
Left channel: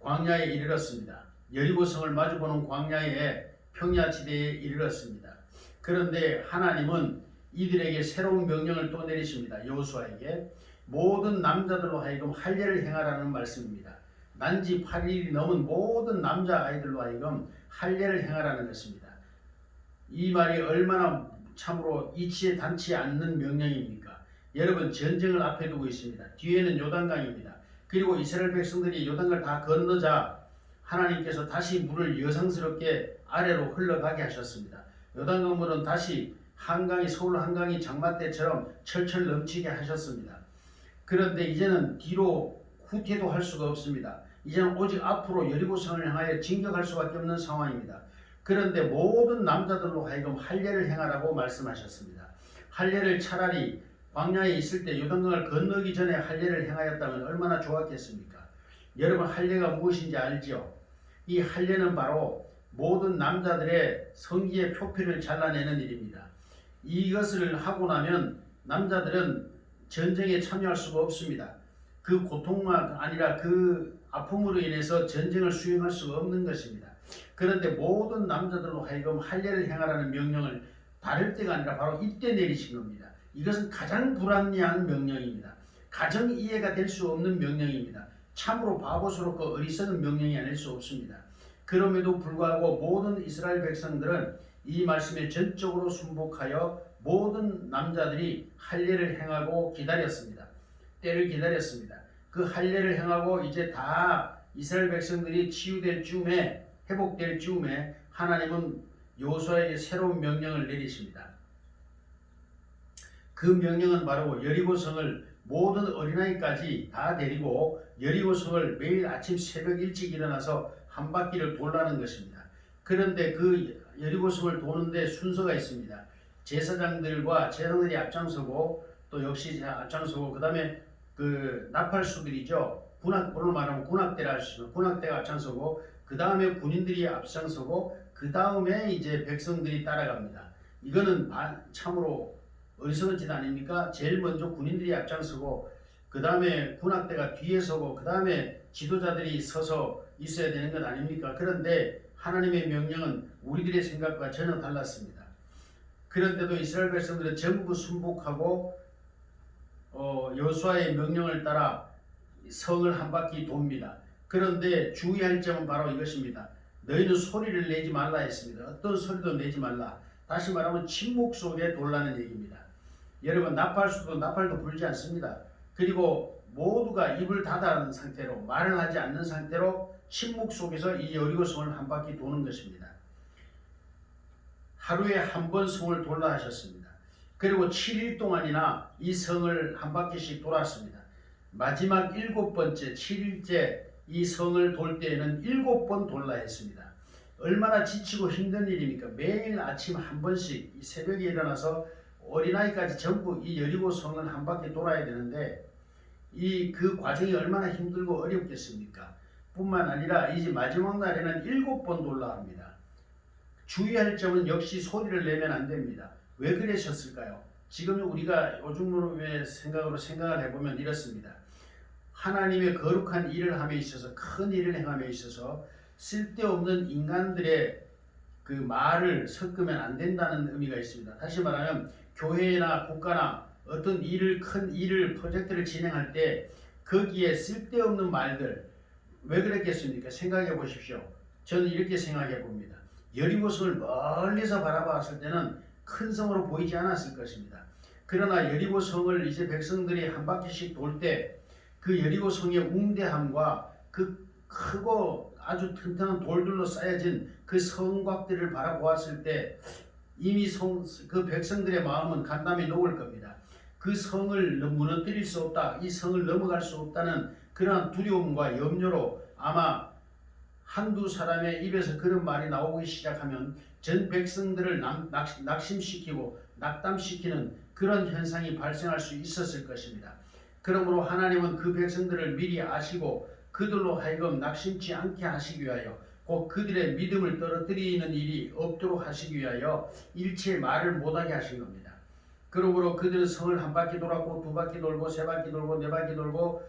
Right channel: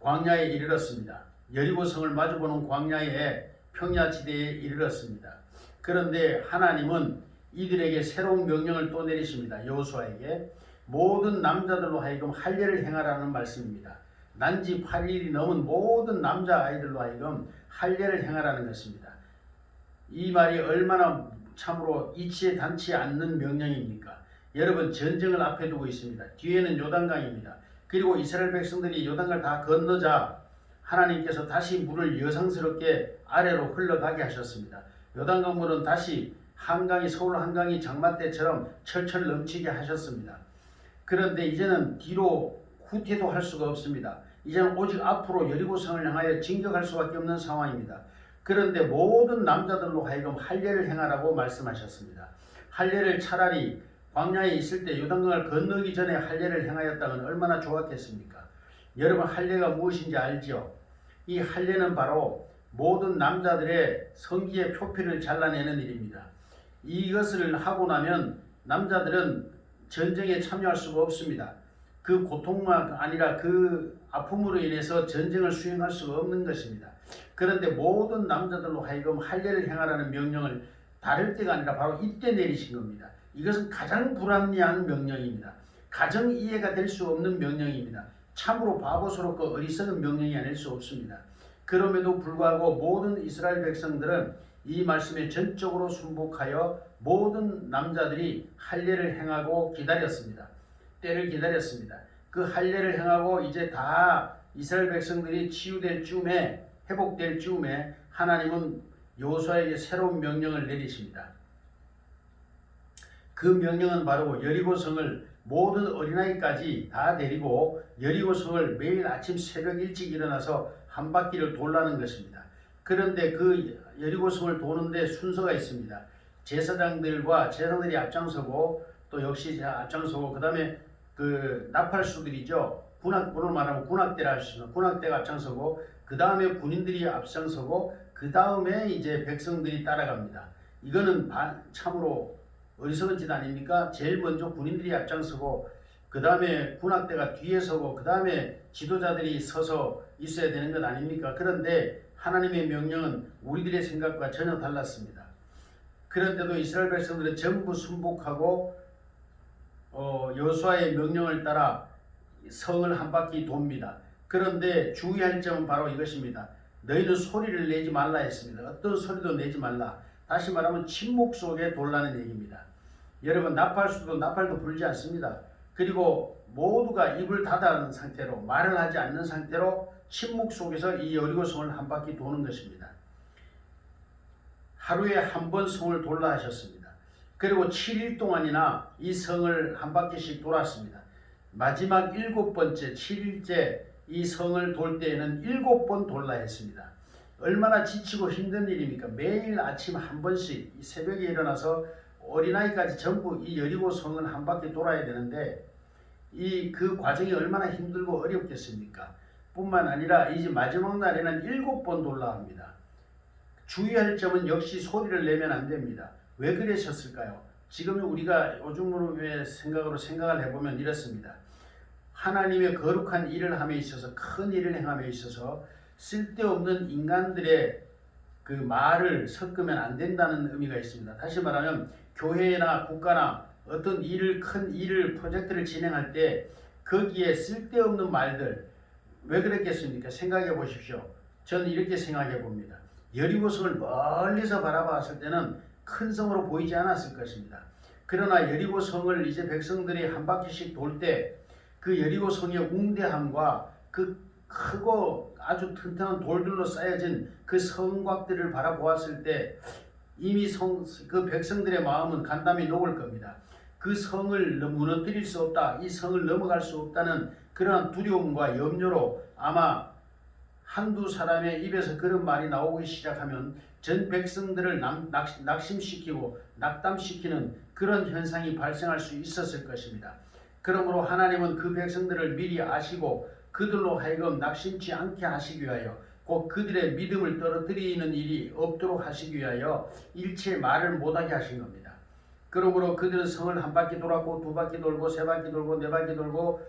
광야에 이르렀습니다. 여리고성을 마주보는 광야의 평야지대에 이르렀습니다. 그런데 하나님은 이들에게 새로운 명령을 또 내리십니다. 여호수아에게 모든 남자들로 하여금 할례를 행하라는 말씀입니다. 난지 8일이 넘은 모든 남자아이들로 하여금 할례를 행하라는 것입니다. 이 말이 얼마나 참으로 이치에 닿지 않는 명령입니까? 여러분, 전쟁을 앞에 두고 있습니다. 뒤에는 요단강입니다. 그리고 이스라엘 백성들이 요단강을 다 건너자 하나님께서 다시 물을 여성스럽게 아래로 흘러가게 하셨습니다. 요단강 물은 다시 서울 한강이 장마 때처럼 철철 넘치게 하셨습니다. 그런데 이제는 뒤로 후퇴도 할 수가 없습니다. 이제는 오직 앞으로 여리고성을 향하여 진격할 수밖에 없는 상황입니다. 그런데 모든 남자들로 하여금 할례를 행하라고 말씀하셨습니다. 할례를 차라리 광야에 있을 때 요단강을 건너기 전에 할례를 행하였다면 얼마나 좋았겠습니까? 여러분, 할례가 무엇인지 알죠? 이 할례는 바로 모든 남자들의 성기의 표피를 잘라내는 일입니다. 이것을 하고 나면 남자들은 전쟁에 참여할 수가 없습니다. 그 고통만 아니라 그 아픔으로 인해서 전쟁을 수행할 수가 없는 것입니다. 그런데 모든 남자들로 하여금 할례를 행하라는 명령을 다를 때가 아니라 바로 이때 내리신 겁니다. 이것은 가장 불합리한 명령입니다. 가정 이해가 될 수 없는 명령입니다. 참으로 바보스럽고 어리석은 명령이 아닐 수 없습니다. 그럼에도 불구하고 모든 이스라엘 백성들은 이 말씀에 전적으로 순복하여 모든 남자들이 할례를 행하고 기다렸습니다. 때를 기다렸습니다. 그 할례를 행하고 이제 다 이스라엘 백성들이 치유될 즈음에, 회복될 즈음에 하나님은 여호수아에게 새로운 명령을 내리십니다. 그 명령은 바로 여리고성을 모든 어린아이까지 다 데리고 여리고성을 매일 아침 새벽 일찍 일어나서 한 바퀴를 돌라는 것입니다. 그런데 그 여리고성을 도는데 순서가 있습니다. 제사장들이 앞장서고 또 역시 앞장서고, 그 다음에 그 나팔수들이죠. 오늘 말하면 군악대라 할 수 있는 군악대가 앞장서고, 그 다음에 군인들이 앞장서고, 그 다음에 이제 백성들이 따라갑니다. 이거는 참으로 어리석은 짓 아닙니까? 제일 먼저 군인들이 앞장서고, 그 다음에 군악대가 뒤에 서고, 그 다음에 지도자들이 서서 있어야 되는 것 아닙니까? 그런데 하나님의 명령은 우리들의 생각과 전혀 달랐습니다. 그런데도 이스라엘 백성들은 전부 순복하고 여호수아의 명령을 따라 성을 한 바퀴 돕니다. 그런데 주의할 점은 바로 이것입니다. 너희는 소리를 내지 말라 했습니다. 어떤 소리도 내지 말라. 다시 말하면 침묵 속에 돌라는 얘기입니다. 여러분, 나팔도 불지 않습니다. 그리고 모두가 입을 닫아놓은 상태로, 말을 하지 않는 상태로 침묵 속에서 이 여리고 성을 한 바퀴 도는 것입니다. 하루에 한 번 성을 돌라 하셨습니다. 그리고 7일 동안이나 이 성을 한 바퀴씩 돌았습니다. 마지막 7번째 7일째 이 성을 돌 때에는 7번 돌라 했습니다. 얼마나 지치고 힘든 일입니까? 매일 아침 한 번씩 새벽에 일어나서 어린아이까지 전부 이 여리고 성을 한 바퀴 돌아야 되는데 그 과정이 얼마나 힘들고 어렵겠습니까? 뿐만 아니라 이제 마지막 날에는 7번 돌라 합니다. 주의할 점은 역시 소리를 내면 안 됩니다. 왜 그러셨을까요? 지금 우리가 요즘으로의 생각을 해보면 이렇습니다. 하나님의 거룩한 일을 함에 있어서, 큰 일을 행함에 있어서 쓸데없는 인간들의 그 말을 섞으면 안 된다는 의미가 있습니다. 다시 말하면 교회나 국가나 어떤 큰 일을, 프로젝트를 진행할 때 거기에 쓸데없는 말들, 왜 그랬겠습니까? 생각해 보십시오. 저는 이렇게 생각해 봅니다. 여리고성을 멀리서 바라봤을 때는 큰 성으로 보이지 않았을 것입니다. 그러나 여리고성을 이제 백성들이 한 바퀴씩 돌 때 그 여리고성의 웅대함과 그 크고 아주 튼튼한 돌들로 쌓여진 그 성곽들을 바라보았을 때 이미 그 백성들의 마음은 간담이 녹을 겁니다. 그 성을 무너뜨릴 수 없다, 이 성을 넘어갈 수 없다는 그러한 두려움과 염려로 아마 한두 사람의 입에서 그런 말이 나오기 시작하면 전 백성들을 낙심시키고 낙담시키는 그런 현상이 발생할 수 있었을 것입니다. 그러므로 하나님은 그 백성들을 미리 아시고 그들로 하여금 낙심치 않게 하시기 위하여, 곧 그들의 믿음을 떨어뜨리는 일이 없도록 하시기 위하여 일체 말을 못하게 하신 겁니다. 그러므로 그들은 성을 한 바퀴 돌았고, 두 바퀴 돌고, 세 바퀴 돌고, 네 바퀴 돌고,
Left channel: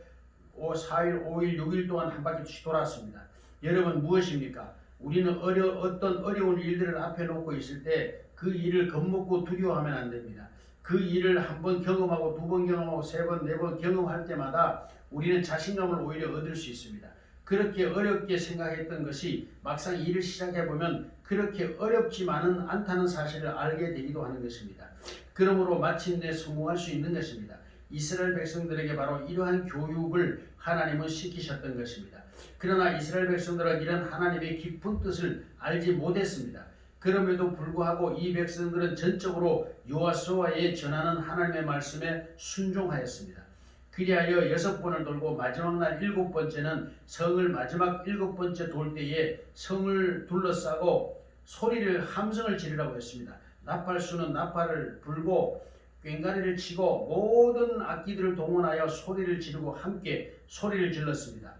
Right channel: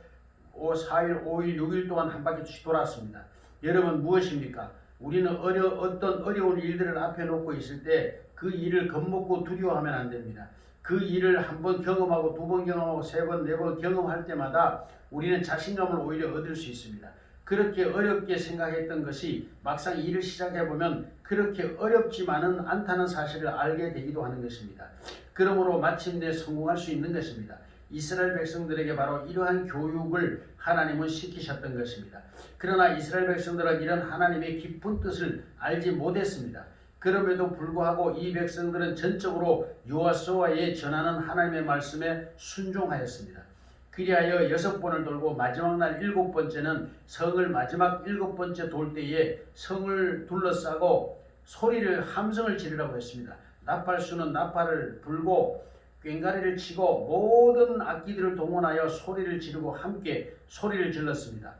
4일, 5일, 6일 동안 한 바퀴씩 돌았습니다. 여러분, 무엇입니까? 우리는 어떤 어려운 일들을 앞에 놓고 있을 때 그 일을 겁먹고 두려워하면 안 됩니다. 그 일을 한 번 경험하고, 두 번 경험하고, 세 번, 네 번 경험할 때마다 우리는 자신감을 오히려 얻을 수 있습니다. 그렇게 어렵게 생각했던 것이 막상 일을 시작해보면 그렇게 어렵지만은 않다는 사실을 알게 되기도 하는 것입니다. 그러므로 마침내 성공할 수 있는 것입니다. 이스라엘 백성들에게 바로 이러한 교육을 하나님은 시키셨던 것입니다. 그러나 이스라엘 백성들은 이런 하나님의 깊은 뜻을 알지 못했습니다. 그럼에도 불구하고 이 백성들은 전적으로 여호수아의 전하는 하나님의 말씀에 순종하였습니다. 그리하여 6번을 돌고 마지막 날 7번째는 성을 마지막 7번째 돌 때에 성을 둘러싸고 함성을 지르라고 했습니다. 나팔수는 나팔을 불고 꽹과리를 치고 모든 악기들을 동원하여 소리를 지르고 함께 소리를 질렀습니다.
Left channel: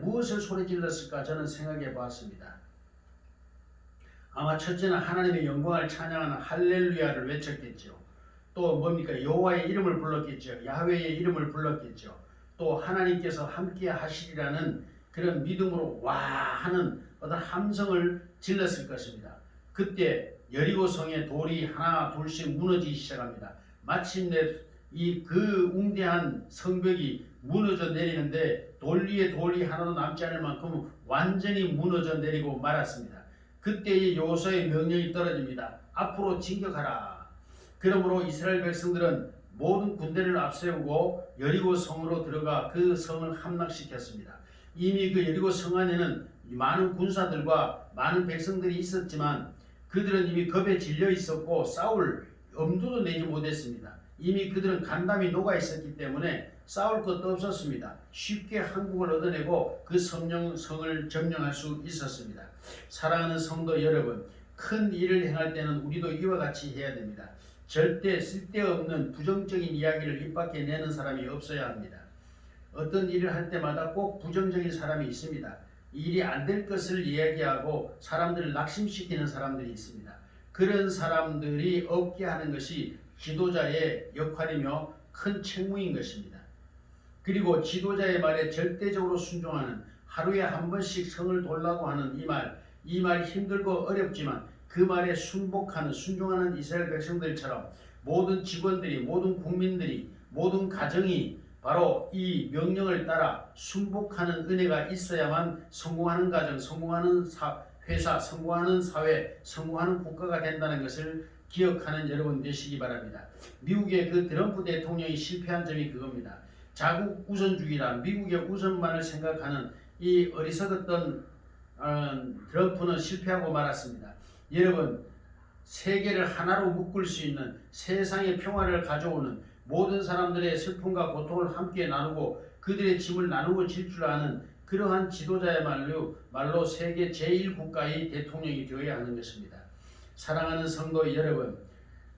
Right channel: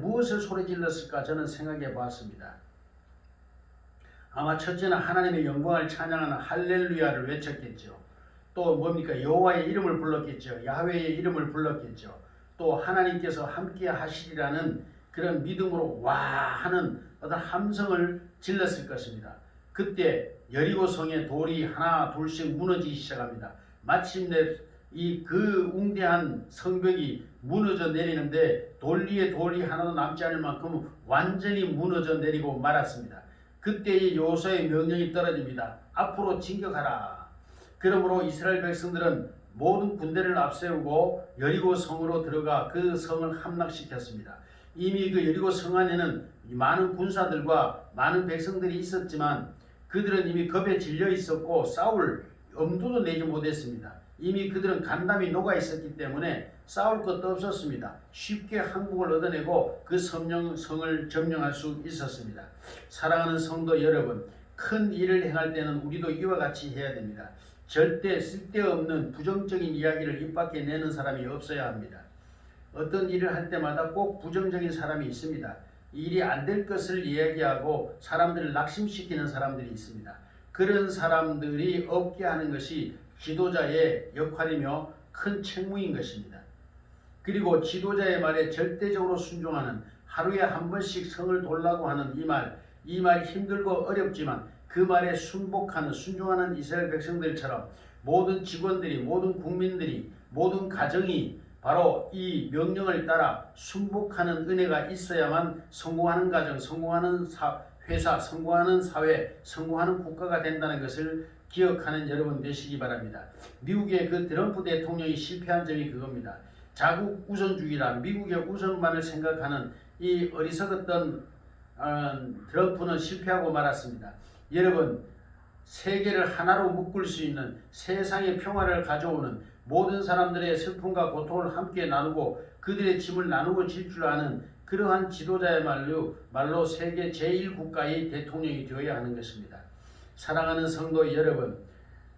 무엇을 소리 질렀을까 저는 생각해 보았습니다. 아마 첫째는 하나님의 영광을 찬양하는 할렐루야를 외쳤겠죠. 또 뭡니까? 여호와의 이름을 불렀겠죠. 야훼의 이름을 불렀겠죠. 또 하나님께서 함께 하시리라는 그런 믿음으로 와 하는 어떤 함성을 질렀을 것입니다. 그때 여리고성의 돌이 하나 둘씩 무너지기 시작합니다. 마침내 그 웅대한 성벽이 무너져 내리는데 돌 위에 돌이 하나도 남지 않을 만큼 완전히 무너져 내리고 말았습니다. 그때의 여호수아의 명령이 떨어집니다. 앞으로 진격하라. 그러므로 이스라엘 백성들은 모든 군대를 앞세우고 여리고 성으로 들어가 그 성을 함락시켰습니다. 이미 그 여리고 성 안에는 많은 군사들과 많은 백성들이 있었지만 그들은 이미 겁에 질려 있었고 싸울 엄두도 내지 못했습니다. 이미 그들은 간담이 녹아 있었기 때문에 싸울 것도 없었습니다. 쉽게 항복을 얻어내고 그 성을 점령할 수 있었습니다. 사랑하는 성도 여러분, 큰 일을 행할 때는 우리도 이와 같이 해야 됩니다. 절대 쓸데없는 부정적인 이야기를 입 밖에 내는 사람이 없어야 합니다. 어떤 일을 할 때마다 꼭 부정적인 사람이 있습니다. 일이 안 될 것을 이야기하고 사람들을 낙심시키는 사람들이 있습니다. 그런 사람들이 없게 하는 것이 지도자의 역할이며 큰 책무인 것입니다. 그리고 지도자의 말에 절대적으로 순종하는, 하루에 한 번씩 성을 돌라고 하는 이 말 힘들고 어렵지만 그 말에 순종하는 이스라엘 백성들처럼 모든 직원들이, 모든 국민들이, 모든 가정이 바로 이 명령을 따라 순복하는 은혜가 있어야만 성공하는 가정, 성공하는 회사, 성공하는 사회, 성공하는 국가가 된다는 것을 기억하는 여러분 되시기 바랍니다. 미국의 그 트럼프 대통령이 실패한 점이 그겁니다. 자국 우선주의라 미국의 우선만을 생각하는 이 어리석었던 트럼프는 실패하고 말았습니다. 여러분, 세계를 하나로 묶을 수 있는 세상의 평화를 가져오는 모든 사람들의 슬픔과 고통을 함께 나누고 그들의 짐을 나누고 질 줄 아는 그러한 지도자야말로 세계 제1국가의 대통령이 되어야 하는 것입니다. 사랑하는 성도 여러분,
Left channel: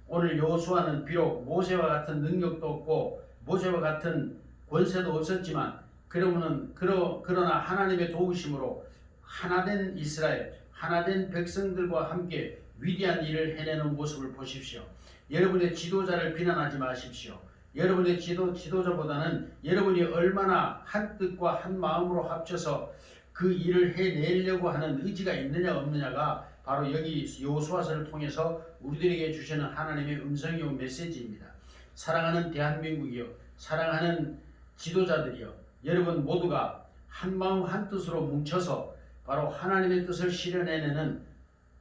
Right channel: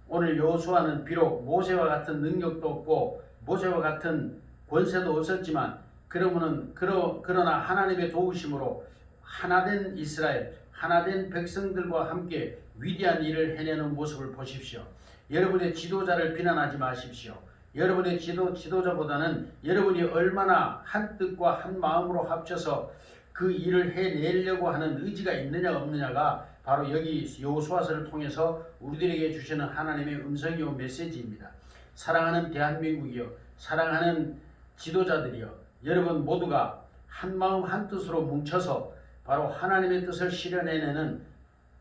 오늘 여호수아는 비록 모세와 같은 능력도 없고 모세와 같은 권세도 없었지만 그러나 하나님의 도우심으로 하나된 이스라엘, 하나된 백성들과 함께 위대한 일을 해내는 모습을 보십시오. 여러분의 지도자를 비난하지 마십시오. 여러분의 지도자보다는 여러분이 얼마나 한 뜻과 한 마음으로 합쳐서 그 일을 해내려고 하는 의지가 있느냐 없느냐가 바로 여기 여호수아서를 통해서 우리들에게 주시는 하나님의 음성이요 메시지입니다. 사랑하는 대한민국이요, 사랑하는 지도자들이요, 여러분 모두가 한 마음 한 뜻으로 뭉쳐서 바로 하나님의 뜻을 실현해내는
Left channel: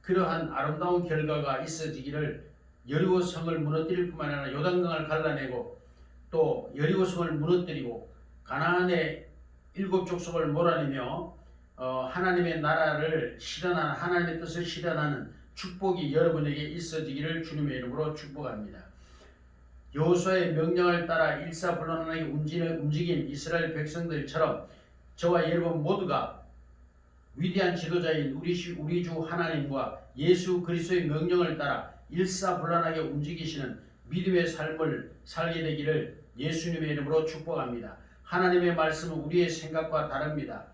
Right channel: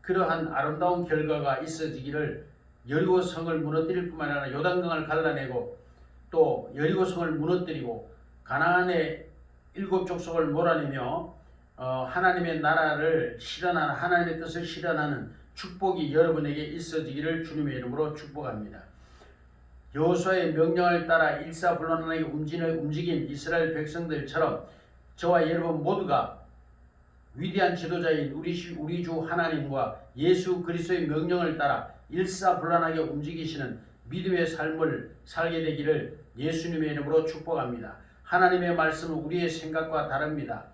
그러한 아름다운 결과가 있어지기를, 여리고성을 무너뜨릴 뿐만 아니라 요단강을 갈라내고 또 여리고성을 무너뜨리고 가나안의 7 족속을 몰아내며 하나님의 나라를 실현하는, 하나님의 뜻을 실현하는 축복이 여러분에게 있어지기를 주님의 이름으로 축복합니다. 여호수아의 명령을 따라 일사불란하게 움직인 이스라엘 백성들처럼 저와 여러분 모두가 위대한 지도자인 우리 주 하나님과 예수 그리스도의 명령을 따라 일사불란하게 움직이시는 믿음의 삶을 살게 되기를 예수님의 이름으로 축복합니다. 하나님의 말씀은 우리의 생각과 다릅니다.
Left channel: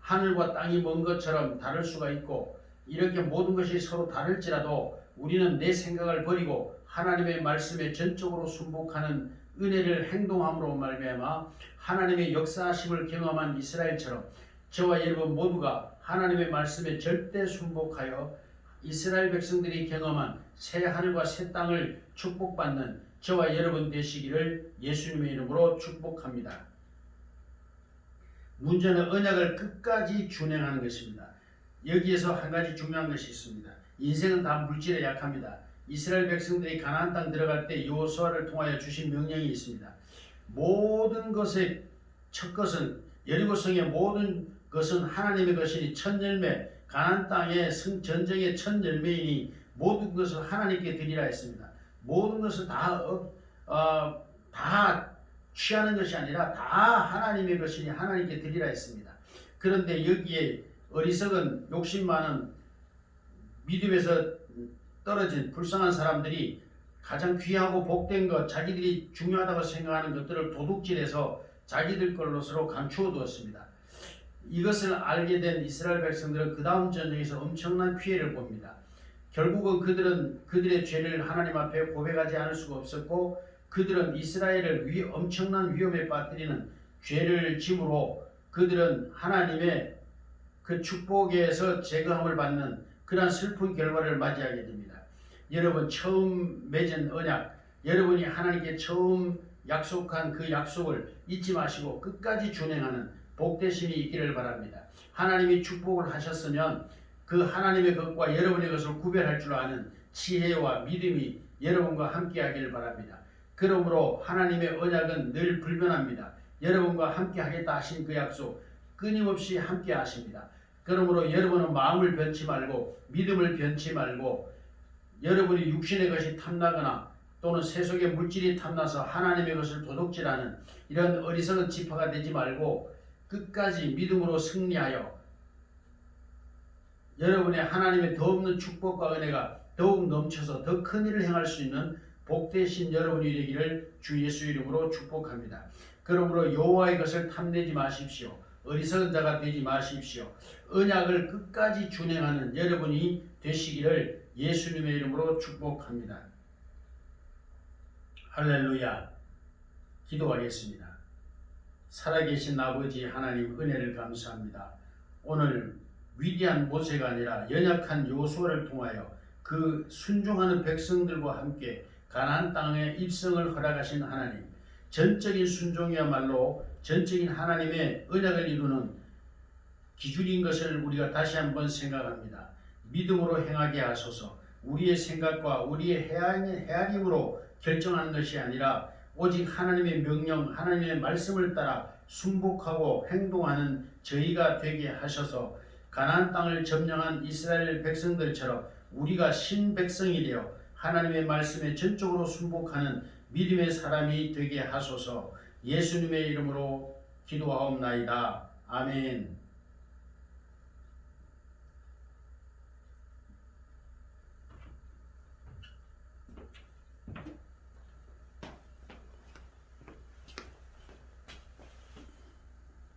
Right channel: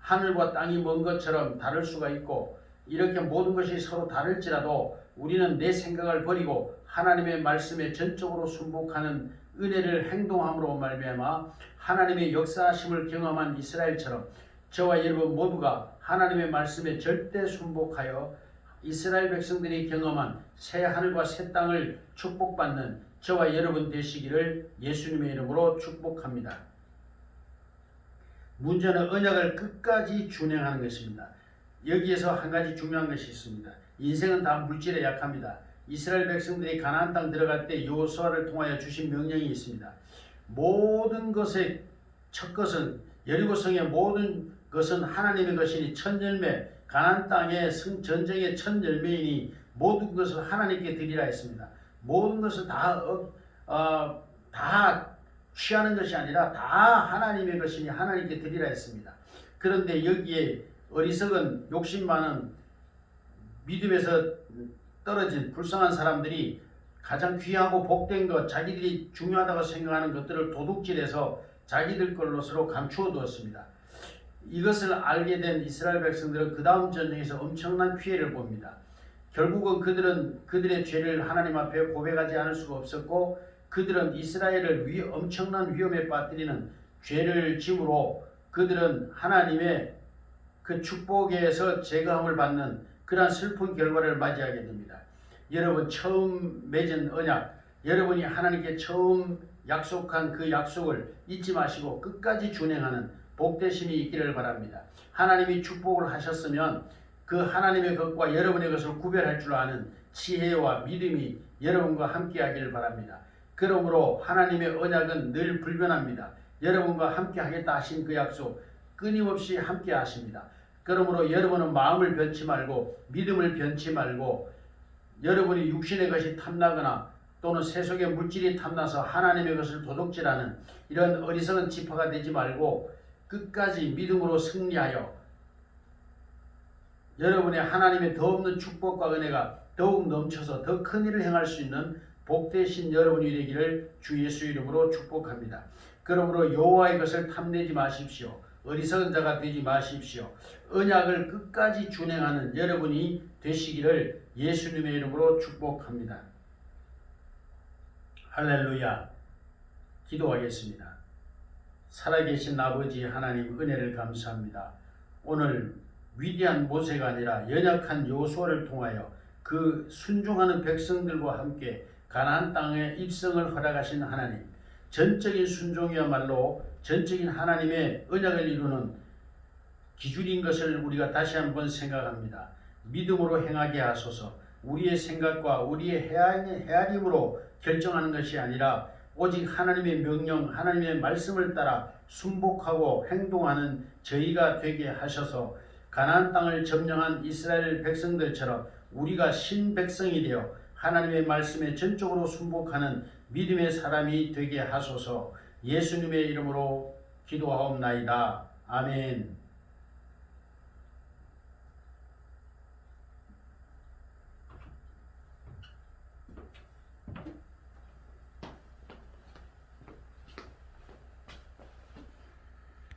하늘과 땅이 먼 것처럼 다를 수가 있고 이렇게 모든 것이 서로 다를지라도 우리는 내 생각을 버리고 하나님의 말씀에 전적으로 순복하는 은혜를 행동함으로 말미암아 하나님의 역사하심을 경험한 이스라엘처럼 저와 여러분 모두가 하나님의 말씀에 절대 순복하여 이스라엘 백성들이 경험한 새 하늘과 새 땅을 축복받는 저와 여러분 되시기를 예수님의 이름으로 축복합니다. 문제는 언약을 끝까지 준행하는 것입니다. 여기에서 한 가지 중요한 것이 있습니다. 인생은 다 물질에 약합니다. 이스라엘 백성들이 가나안 땅 들어갈 때 여호수아를 통하여 주신 명령이 있습니다. 모든 것의 첫 것은, 여리고성의 모든 것은 하나님의 것이니 첫 열매, 가나안 땅의 전쟁의 첫 열매이니 모든 것을 하나님께 드리라 했습니다. 모든 것을 다 취하는 것이 아니라 다 하나님의 것이니 하나님께 드리라 했습니다. 그런데 여기에 어리석은 욕심 많은 믿음에서 떨어진 불쌍한 사람들이 가장 귀하고 복된 것, 자기들이 중요하다고 생각하는 것들을 도둑질해서 자기들 걸로서로 감추어 두었습니다. 이것을 알게 된 이스라엘 백성들은 그 다음 전쟁에서 엄청난 피해를 봅니다. 결국은 그들의 죄를 하나님 앞에 고백하지 않을 수가 없었고 그들은 이스라엘을 엄청난 위험에 빠뜨리는 죄를 짐으로 그들은 하나님의 그 축복에서 제거함을 받는 그러한 슬픈 결과를 맞이하게 됩니다. 여러분 처음 맺은 언약, 여러분이 하나님께 처음 약속한 그 약속을 잊지 마시고 끝까지 준행하는 복되심이 있기를 바랍니다. 하나님이 축복을 하셨으면 그 하나님의 것과 여러분의 것을 구별할 줄 아는 지혜와 믿음이 여러분과 함께 하기를 바랍니다. 그러므로 하나님의 언약은 늘 불변합니다. 여러분과 함께 하겠다 하신 그 약속 끊임없이 함께 하십니다. 그러므로 여러분은 마음을 변치 말고 믿음을 변치 말고 여러분이 육신의 것이 탐나거나 또는 세속의 물질이 탐나서 하나님의 것을 도둑질하는 이런 어리석은 지파가 되지 말고 끝까지 믿음으로 승리하여 여러분의 하나님의 더 없는 축복과 은혜가 더욱 넘쳐서 더 큰 일을 행할 수 있는 복되신 여러분이 되기를 주 예수 이름으로 축복합니다. 그러므로 여호와의 것을 탐내지 마십시오. 어리석은 자가 되지 마십시오. 언약을 끝까지 준행하는 여러분이 되시기를 예수님의 이름으로 축복합니다. 할렐루야. 기도하겠습니다. 살아계신 아버지 하나님 은혜를 감사합니다. 오늘 위대한 모세가 아니라 연약한 여호수아를 통하여 그 순종하는 백성들과 함께 가나안 땅의 입성을 허락하신 하나님, 전적인 순종이야말로 전적인 하나님의 언약을 이루는 기준인 것을 우리가 다시 한번 생각합니다. 믿음으로 행하게 하소서. 우리의 생각과 우리의 헤아림으로 결정하는 것이 아니라 오직 하나님의 명령, 하나님의 말씀을 따라 순복하고 행동하는 저희가 되게 하셔서 가나안 땅을 점령한 이스라엘 백성들처럼 우리가 신백성이 되어 하나님의 말씀에 전적으로 순복하는 믿음의 사람이 되게 하소서. 예수님의 이름으로 기도하옵나이다. 아멘.